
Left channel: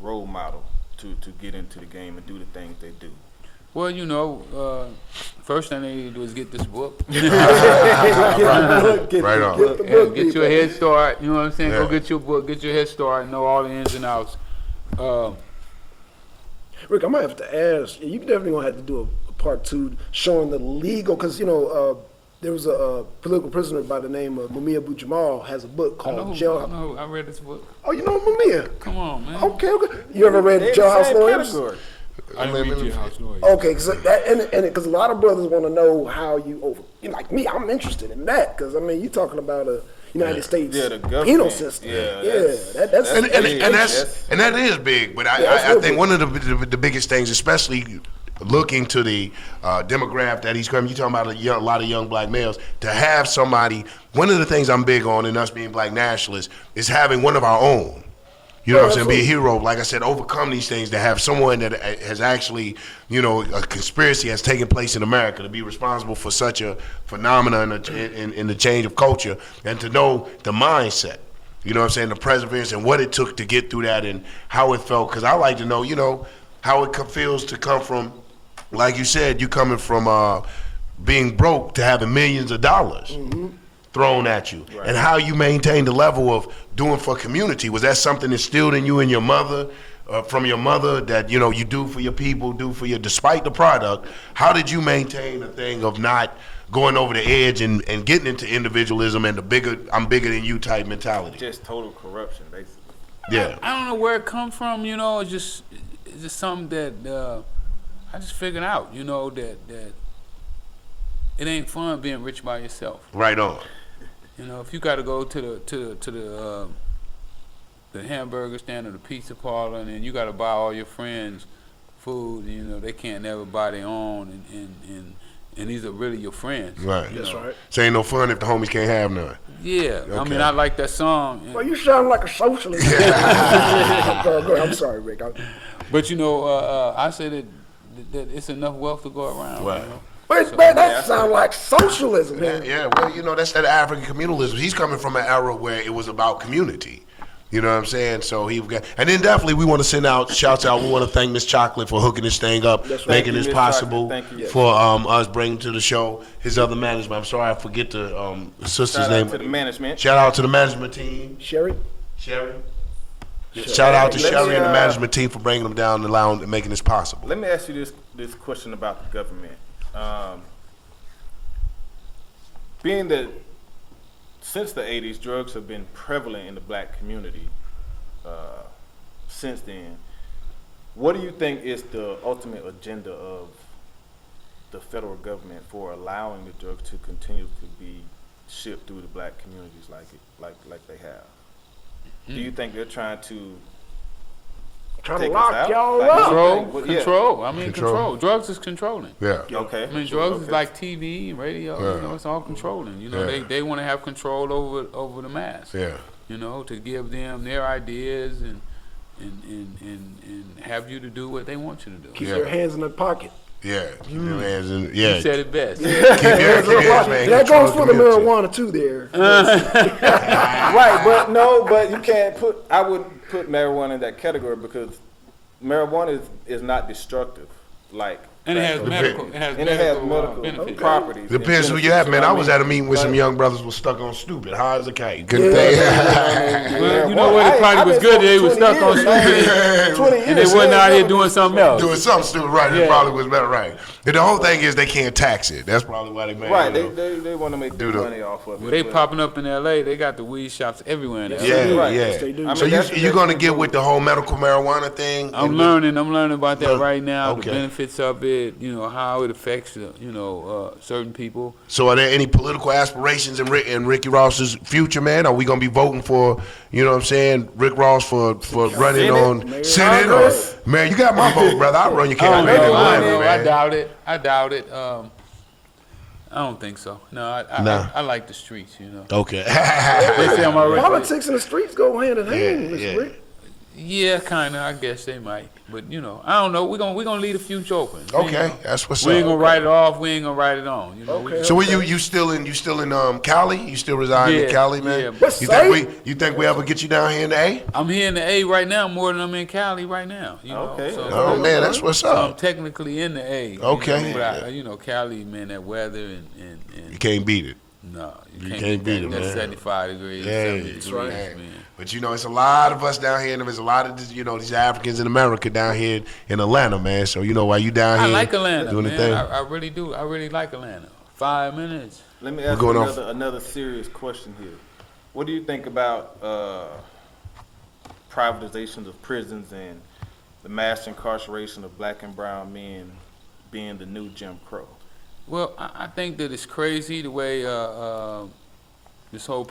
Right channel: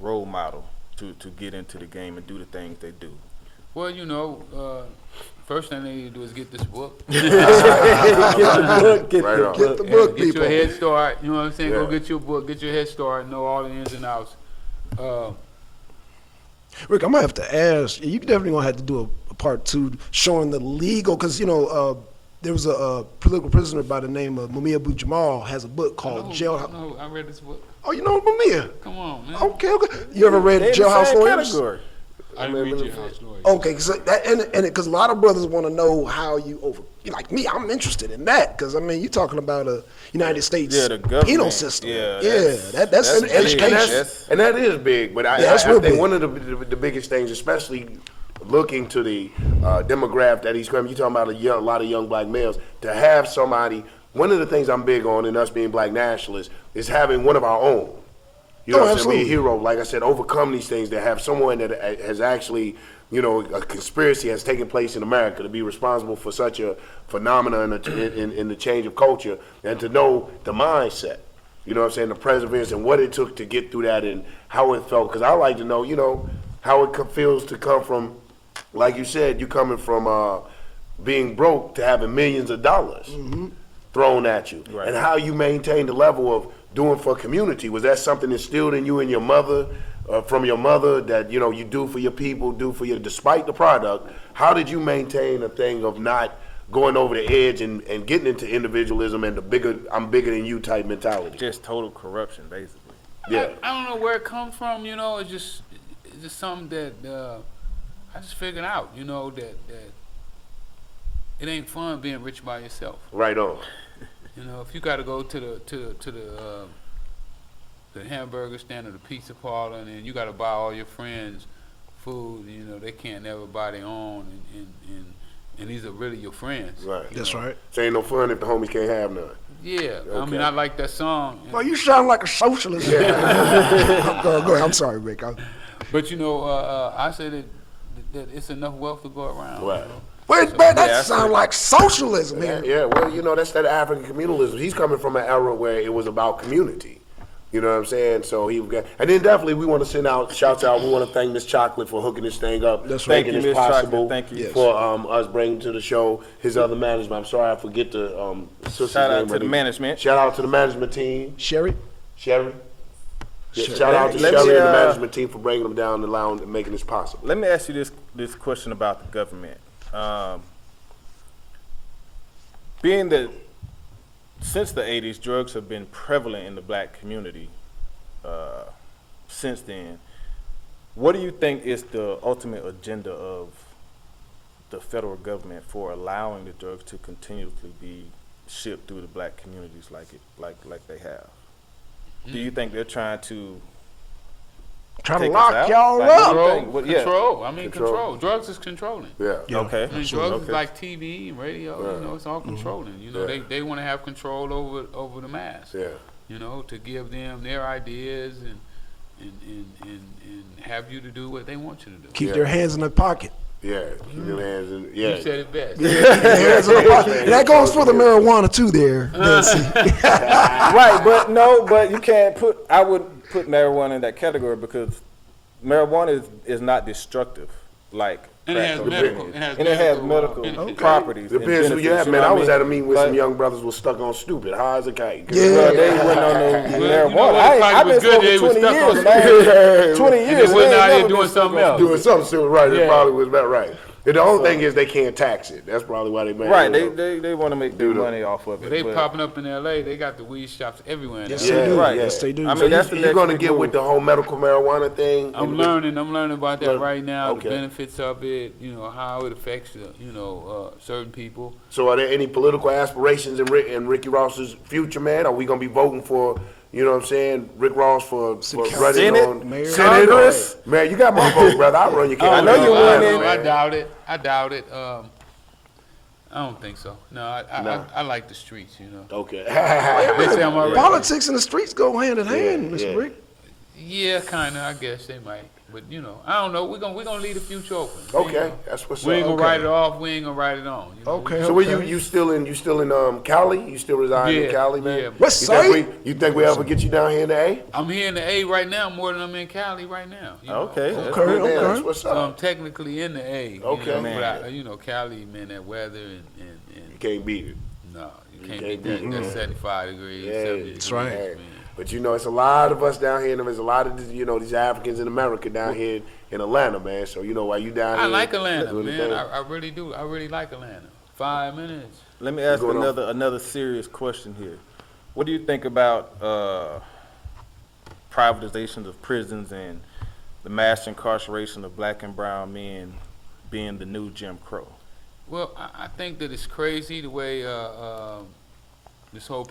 role model to get into the game and do the things they do? well, you know, first thing they do is get this book. Get Right on. the book, Get your people. head start. You know what I'm saying? Yeah. Go get your book. Get your head start. Know all the ins and outs. Rick, I might have to ask. You definitely gonna have to do a part 2 showing the legal, because you know there was a political prisoner by the name of Abu-Jamal has a book called Jailhouse. No, I read this book. Oh, you know Mumia? Come on, man. Okay. You ever read They in the Jailhouse same Lawyers? category. I didn't read your house lawyer. Okay, because a lot of brothers want to know how like me, I'm interested in that, because I mean, you're talking about a United States Yeah, the government. penal system. Yeah, That's And that is big, but I that's real think big. one of the biggest things, especially looking to the demographic that he's coming, you talking about a lot of young black males, to have somebody, one of the things I'm big on in us being black nationalists is having one of our own. You know what I'm saying? Be a hero, like I said, overcome these things, to have someone that has actually, you know, a conspiracy has taken place in America to be responsible for such a phenomenon in the change of culture, and to know the mindset, you know what I'm saying, the perseverance and what it took to get through that and how it felt. Because I like to know, you know, how it feels to come from, like you said, you coming from being broke to having millions of dollars thrown at you, and how you maintain the level of doing for community. Was that something instilled in you and your mother, from your mother, that you know you do for your people, despite the product? How did you maintain a thing of not going over the edge and getting into individualism and the I'm bigger than you type mentality? Just total corruption, basically. Yeah. I don't know where it comes from. You know, it's just something that I just figured out. You know that it ain't fun being rich by yourself. Right on. You know, if you got to go to the hamburger stand or the pizza parlor, and then you got to buy all your friends food, you know, they can't never buy their own, and these are really your friends. Right. You know? right. So ain't no fun if the homies can't have none. Yeah, I Okay. mean, I like that song. Well, you sound like a socialist. Go ahead. I'm sorry, Rick. But you know, I said that it's enough wealth to go around. Right. You know? Wait, man, that sounds like socialism. Yeah, well, you know, that's that African communalism. He's coming from an era where it was about community. You know what I'm saying? So he got, and then definitely we want to send out shouts out. We want to thank Miss Chocolate for hooking this thing up, That's right. making this Miss possible Chocolate, thank you. for us bringing to the show his other management. I'm sorry, I forget the sister's Shout name. out to the management. Shout out to the management team, Sherry? Sherry. Shout out to Let's, Sherry and the management team for bringing them down the lounge and making this possible. Let me ask you this question about the government. being that since the 80s, drugs have been prevalent in the black community since then, what do you think is the ultimate agenda of the federal government for allowing the drugs to continue to be shipped through the black communities like they have? Do you think they're trying to lock y'all up? Control. Control. Drugs is controlling. Yeah. Okay. I mean, drugs is like TV and radio. You know, it's all controlling. You know, they want to have control over the mass. Yeah. You know, to give them their ideas and have you to do what they want you to do. Keep their hands in their pocket. Yeah. Keep your hands in. You said it best. Keep your hands in the pocket. And that goes for the marijuana too there. Right, but you can't I wouldn't put marijuana in that category because marijuana is not destructive like And it has medical benefits. properties. Depends who you have, man. I was at a meeting with some young brothers was stuck on stupid. High as a kite. Well, you know what? It probably was good that they were stuck on stupid. 20 years. And they wasn't out here doing something else. Doing something stupid, right? It probably was better, right? And the whole thing is they can't tax it. That's probably why they Right, they want to make good money off of it. Well, they popping up in L.A. They got the weed shops everywhere. Now. Yeah, Right. yeah. Yes, they do. I So mean, that's you're gonna get with the whole medical marijuana thing? I'm learning about that right now. Okay. The benefits of it. You know how it affects certain people. So are there any political aspirations in Ricky Ross's future, man? Are we gonna be voting for, you know what I'm saying, Rick Ross for running on Senate? Congress? Man, you got my vote, brother. I'll run your campaign. I doubt it. I don't think so. No, I like the streets. You know. Okay. Politics and the streets go hand in hand, Mr. Rick. Yeah, kind of. I guess they might, but I don't know. We're gonna leave the future open. Okay, that's what's up. We ain't gonna write it off. We ain't gonna write it on. You know? Okay. So where you still in Cali? You still reside in Cali, man? Yeah. What's You think we ever get you down here in the A? I'm here in the A right now more than I'm in Cali right now. You know? Okay. So, Oh man, that's what's I'm up. technically in the A. Okay. But Cali, man, that weather and You can't beat it. no, you can't beat it, man. 75 degrees. Yeah, 70 that's degrees, right. man. But it's a lot of us down here, and there's a lot of these Africans in America down here in Atlanta, man. So while you down I here like Atlanta, doing the man. thing. I really do. I really like Atlanta. 5 minutes. Let me ask going off. another serious question here. What do you think about privatizations of prisons and the mass incarceration of black and brown men being the new Jim Crow? Well, I think that it's crazy the way this whole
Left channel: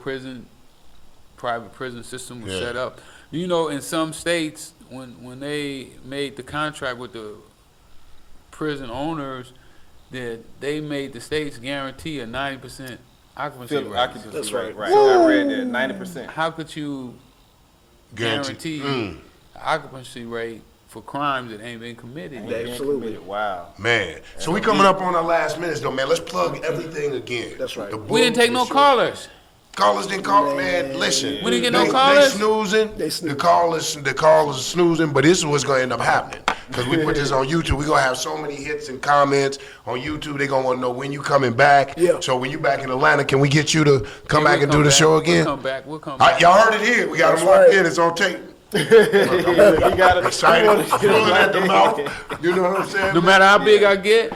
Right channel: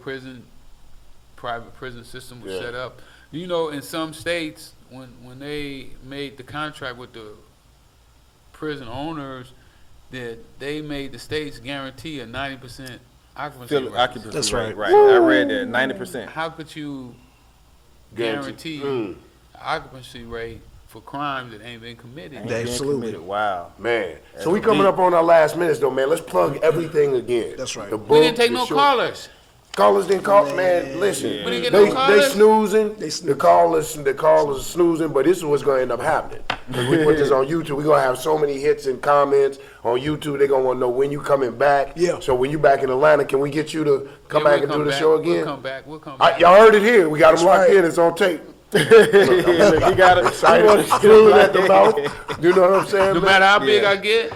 private prison system was set up. In some states, when they made the contract with the prison owners, that they made the states guarantee a 90% occupancy rate. That's right. Right. I read that 90%. How could you guarantee an occupancy rate for crimes that ain't been committed? Absolutely. Wow. Man, so we coming up on our last minutes though, man. Let's plug everything again. That's right. The We book, didn't take the no show. callers. Callers didn't call, man. Listen, We didn't get they no callers. snoozing. They The callers snoozing. But this is what's gonna end up happening because we put this on YouTube. We're gonna have so many hits and comments on YouTube. They're gonna want to know when you coming back. Yeah. So when you back in Atlanta, can we get you to come back and do the show We'll again? come back. We'll come back. Y'all heard it here. We got them locked in. It's on tape. You got it. Screwing at the mouth. You know what I'm saying? No matter how big I get,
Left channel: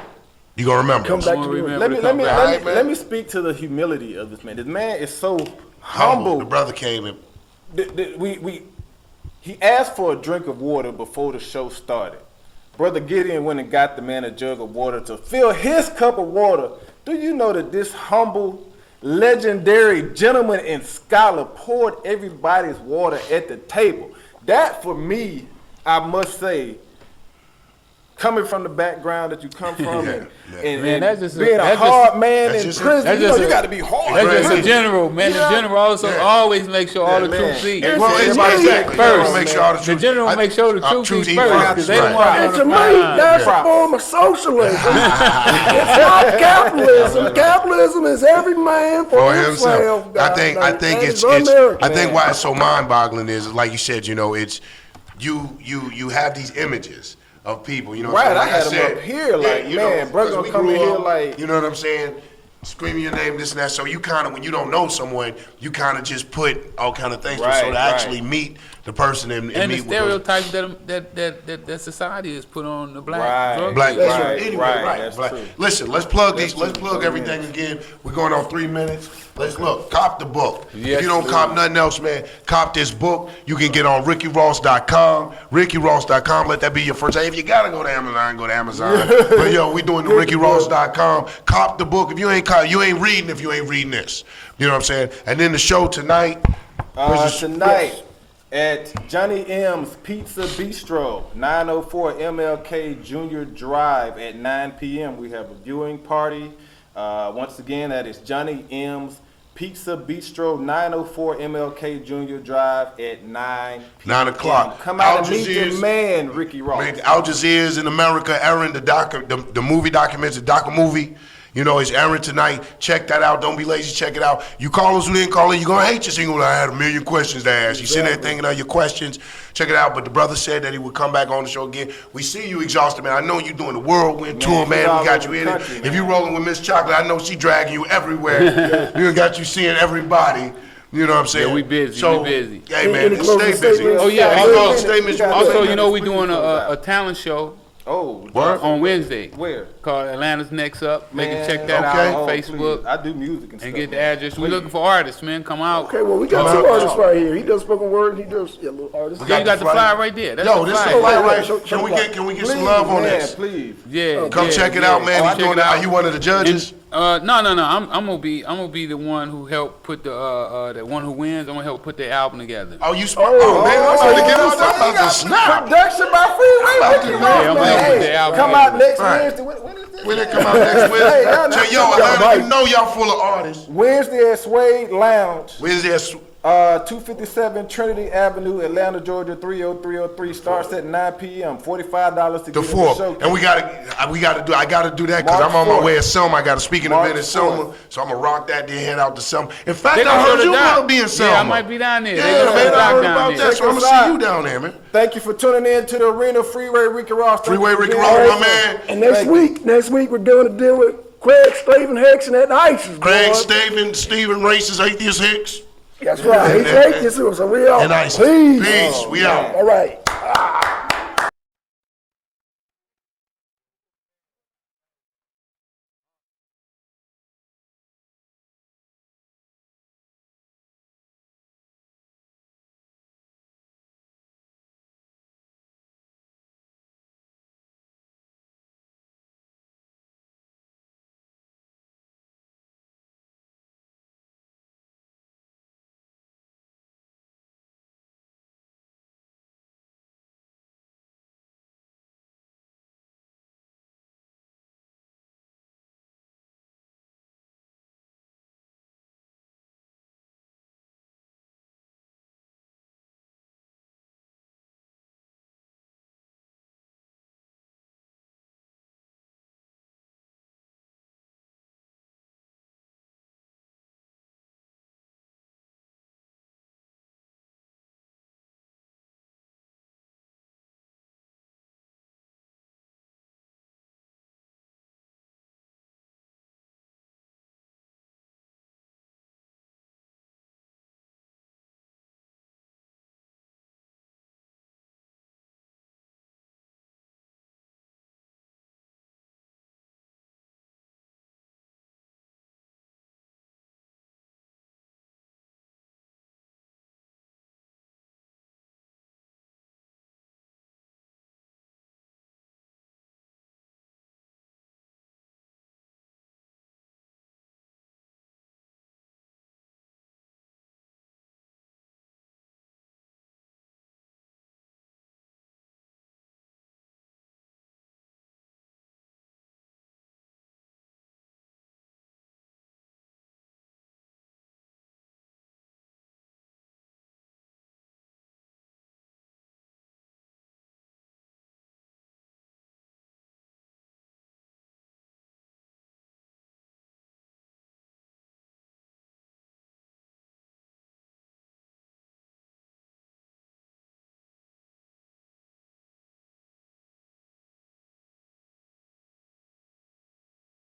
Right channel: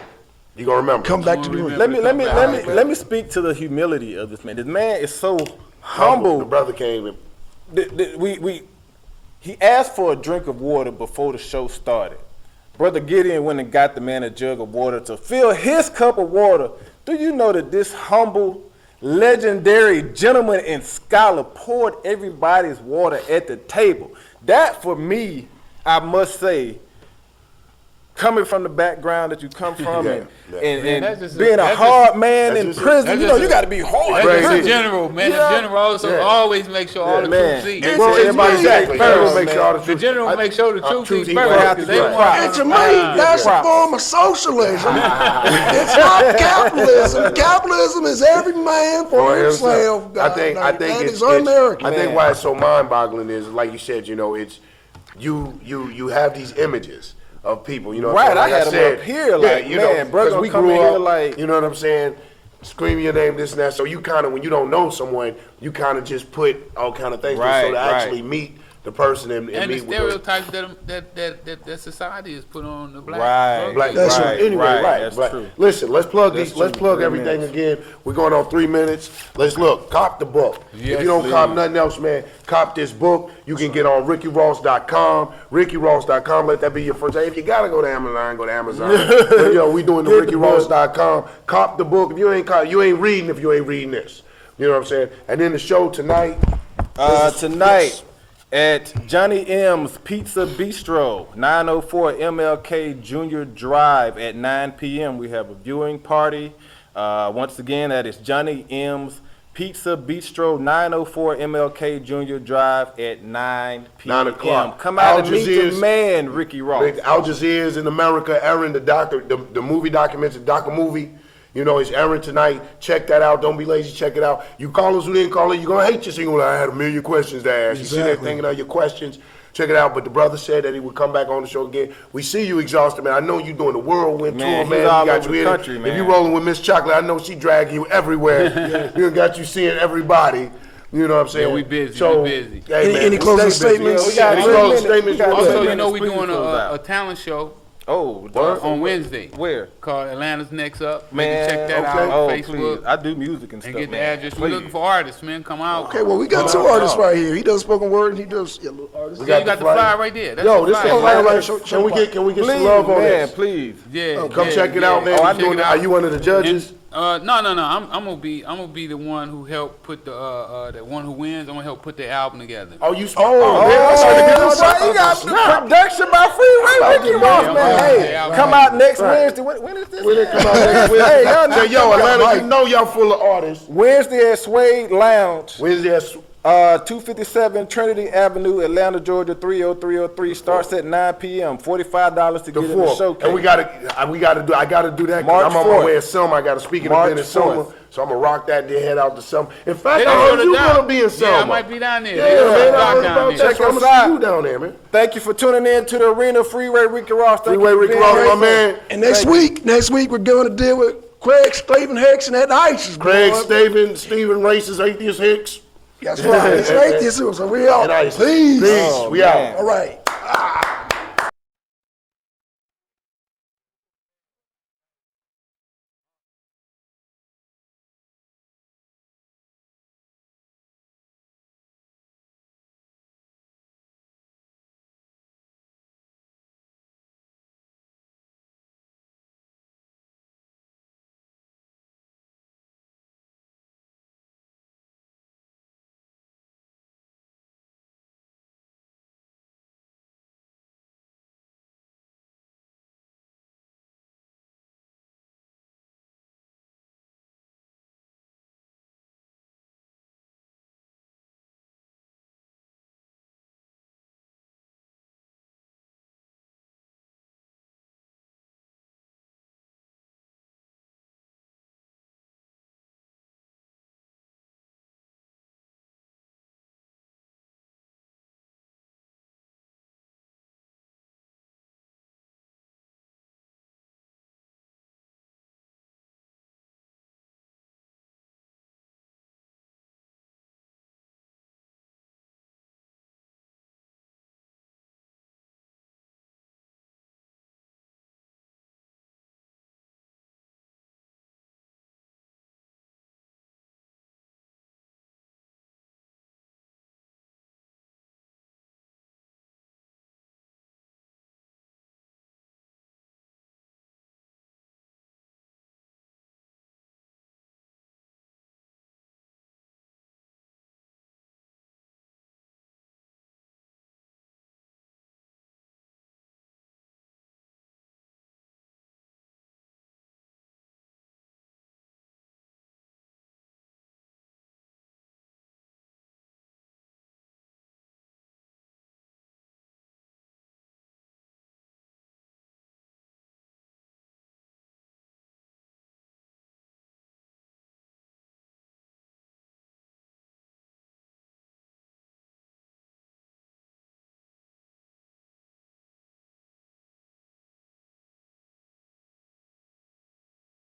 You gonna remember? Come back to the remember room. Let me speak to the humility of this man. This man is so Humble. humble. The brother came and He asked for a drink of water before the show started. Brother Gideon went and got the man a jug of water to fill his cup of water. Do you know that this humble, legendary gentleman and scholar poured everybody's water at the table? That, for me, I must say, coming from the background that you come from and that's just being a hard man that's in just- prison, you got to be hard. that's just a general, man. The general also always make sure all the man. truth see. Well, everybody said First. make sure all the The truth. general make sure the truth truth is eat first. right. 'Cause they Right. don't want And to Jermaine, that's a form of socialism. It's not capitalism. Capitalism is every man for himself. I think it's I think why it's so mind-boggling is like you said, it's you have these images of people, Right, like I had them up here, like, man, bro, 'cause gonna we come grew in here up, like- you know what I'm saying, screaming your name, this and that. So you kind of, when you don't know someone, you kind of just put all kind of things. So to actually meet the person and And the meet with those. stereotypes that society has put on the black. Right. drug Black, dealers. that's right. Anyway, right. That's Black. true. Listen, let's plug these. Let's plug everything again. We're going on 3 minutes. Let's look. Cop the book. If Yes, you don't please. cop nothing else, man, cop this book. You can get on RickyRoss.com. RickyRoss.com. Let that be your first. Hey, if you gotta go to Amazon, go to Amazon. But yo, we doing the RickyRoss.com. Cop the book. If you ain't cop, you ain't reading. If you ain't reading this, you know what I'm saying. And then the show tonight. Tonight at Johnny M's Pizza Bistro, 904 MLK Junior Drive at 9 p.m. We have a viewing party. Once again, that is Johnny M's Pizza Bistro, 904 MLK Junior Drive at 9 p.m. 9 o'clock. Come out and Al meet Jazeera's- your man, Ricky Ross. Al Jazeera's in America, airing the movie documents, the docu-movie. You know, it's airing tonight. Check that out. Don't be lazy. Check it out. You call us who didn't call it, you're going to hate us. You're going to I had a million questions to ask. You sit there thinking of your questions. Check it out. But the brother said that he would come back on the show again. We see you exhausted, man. I know you're doing the whirlwind tour, he's man. all We got over you the in country, it. If you man. rolling with Miss Chocolate, I know she dragging you everywhere. We got you seeing everybody. You know what I'm saying? Yeah, we busy, So, we busy. Hey, man, Any closing stay busy. statements? Oh, yeah. Any closing statements? Also, you know, we're Please doing close out. a talent show Oh, on Wednesday. where? Called Atlanta's Next Up. Man, Man, check that okay. out on Oh, Facebook please. I do music and and stuff. get the man. address. We're Please. looking for artists, man. Come out. Okay, well, we got two artists right here. He does spoken word and he does little artists. Yeah, you got the flyer right there. That's Yo, the this is a flyer. flyer right. Can we get some love on man, this? please. Yeah. Come yeah, check it yeah. out, man. Oh, You doing that? Are you one of the judges? No. I'm gonna be the one who helped put the one who wins. I'm gonna help put the album together. Oh, you oh, man, I'm trying to get us you got snap. Production by Freeway. Ricky man. Ross, Yeah, I'm man. gonna put the Hey, album come out. out next Right. Wednesday. When is this? When it come out next Wednesday? Tell yo, Atlanta, you know y'all full of artists. Wednesday at Suede Lounge, Wednesday, 257 Trinity Avenue, Atlanta, Georgia, 30303. Starts at 9 p.m. $45 to the get in the fourth, show. and I gotta do that because March I'm on my 4th. way to Selma. I got a speaking event in March Selma, 4th. so I'm gonna rock that. Then head out to Selma. In fact, They I gonna heard do you the doc. gonna be in Selma. Yeah, I might be down there. Yeah, They gonna man, do the I doc heard down about there. that. So I'm gonna see you down there, man. Thank you for tuning in to the Arena Freeway Ricky Ross. Thank Freeway you for Ricky being Ross, here. my man. And next week we're going to deal with Craig Staven Hicks and that ISIS. Craig boy. Steven, racist, atheist Hicks. That's right. He's atheist, so we out. And ISIS. Please. Peace. We out. All right.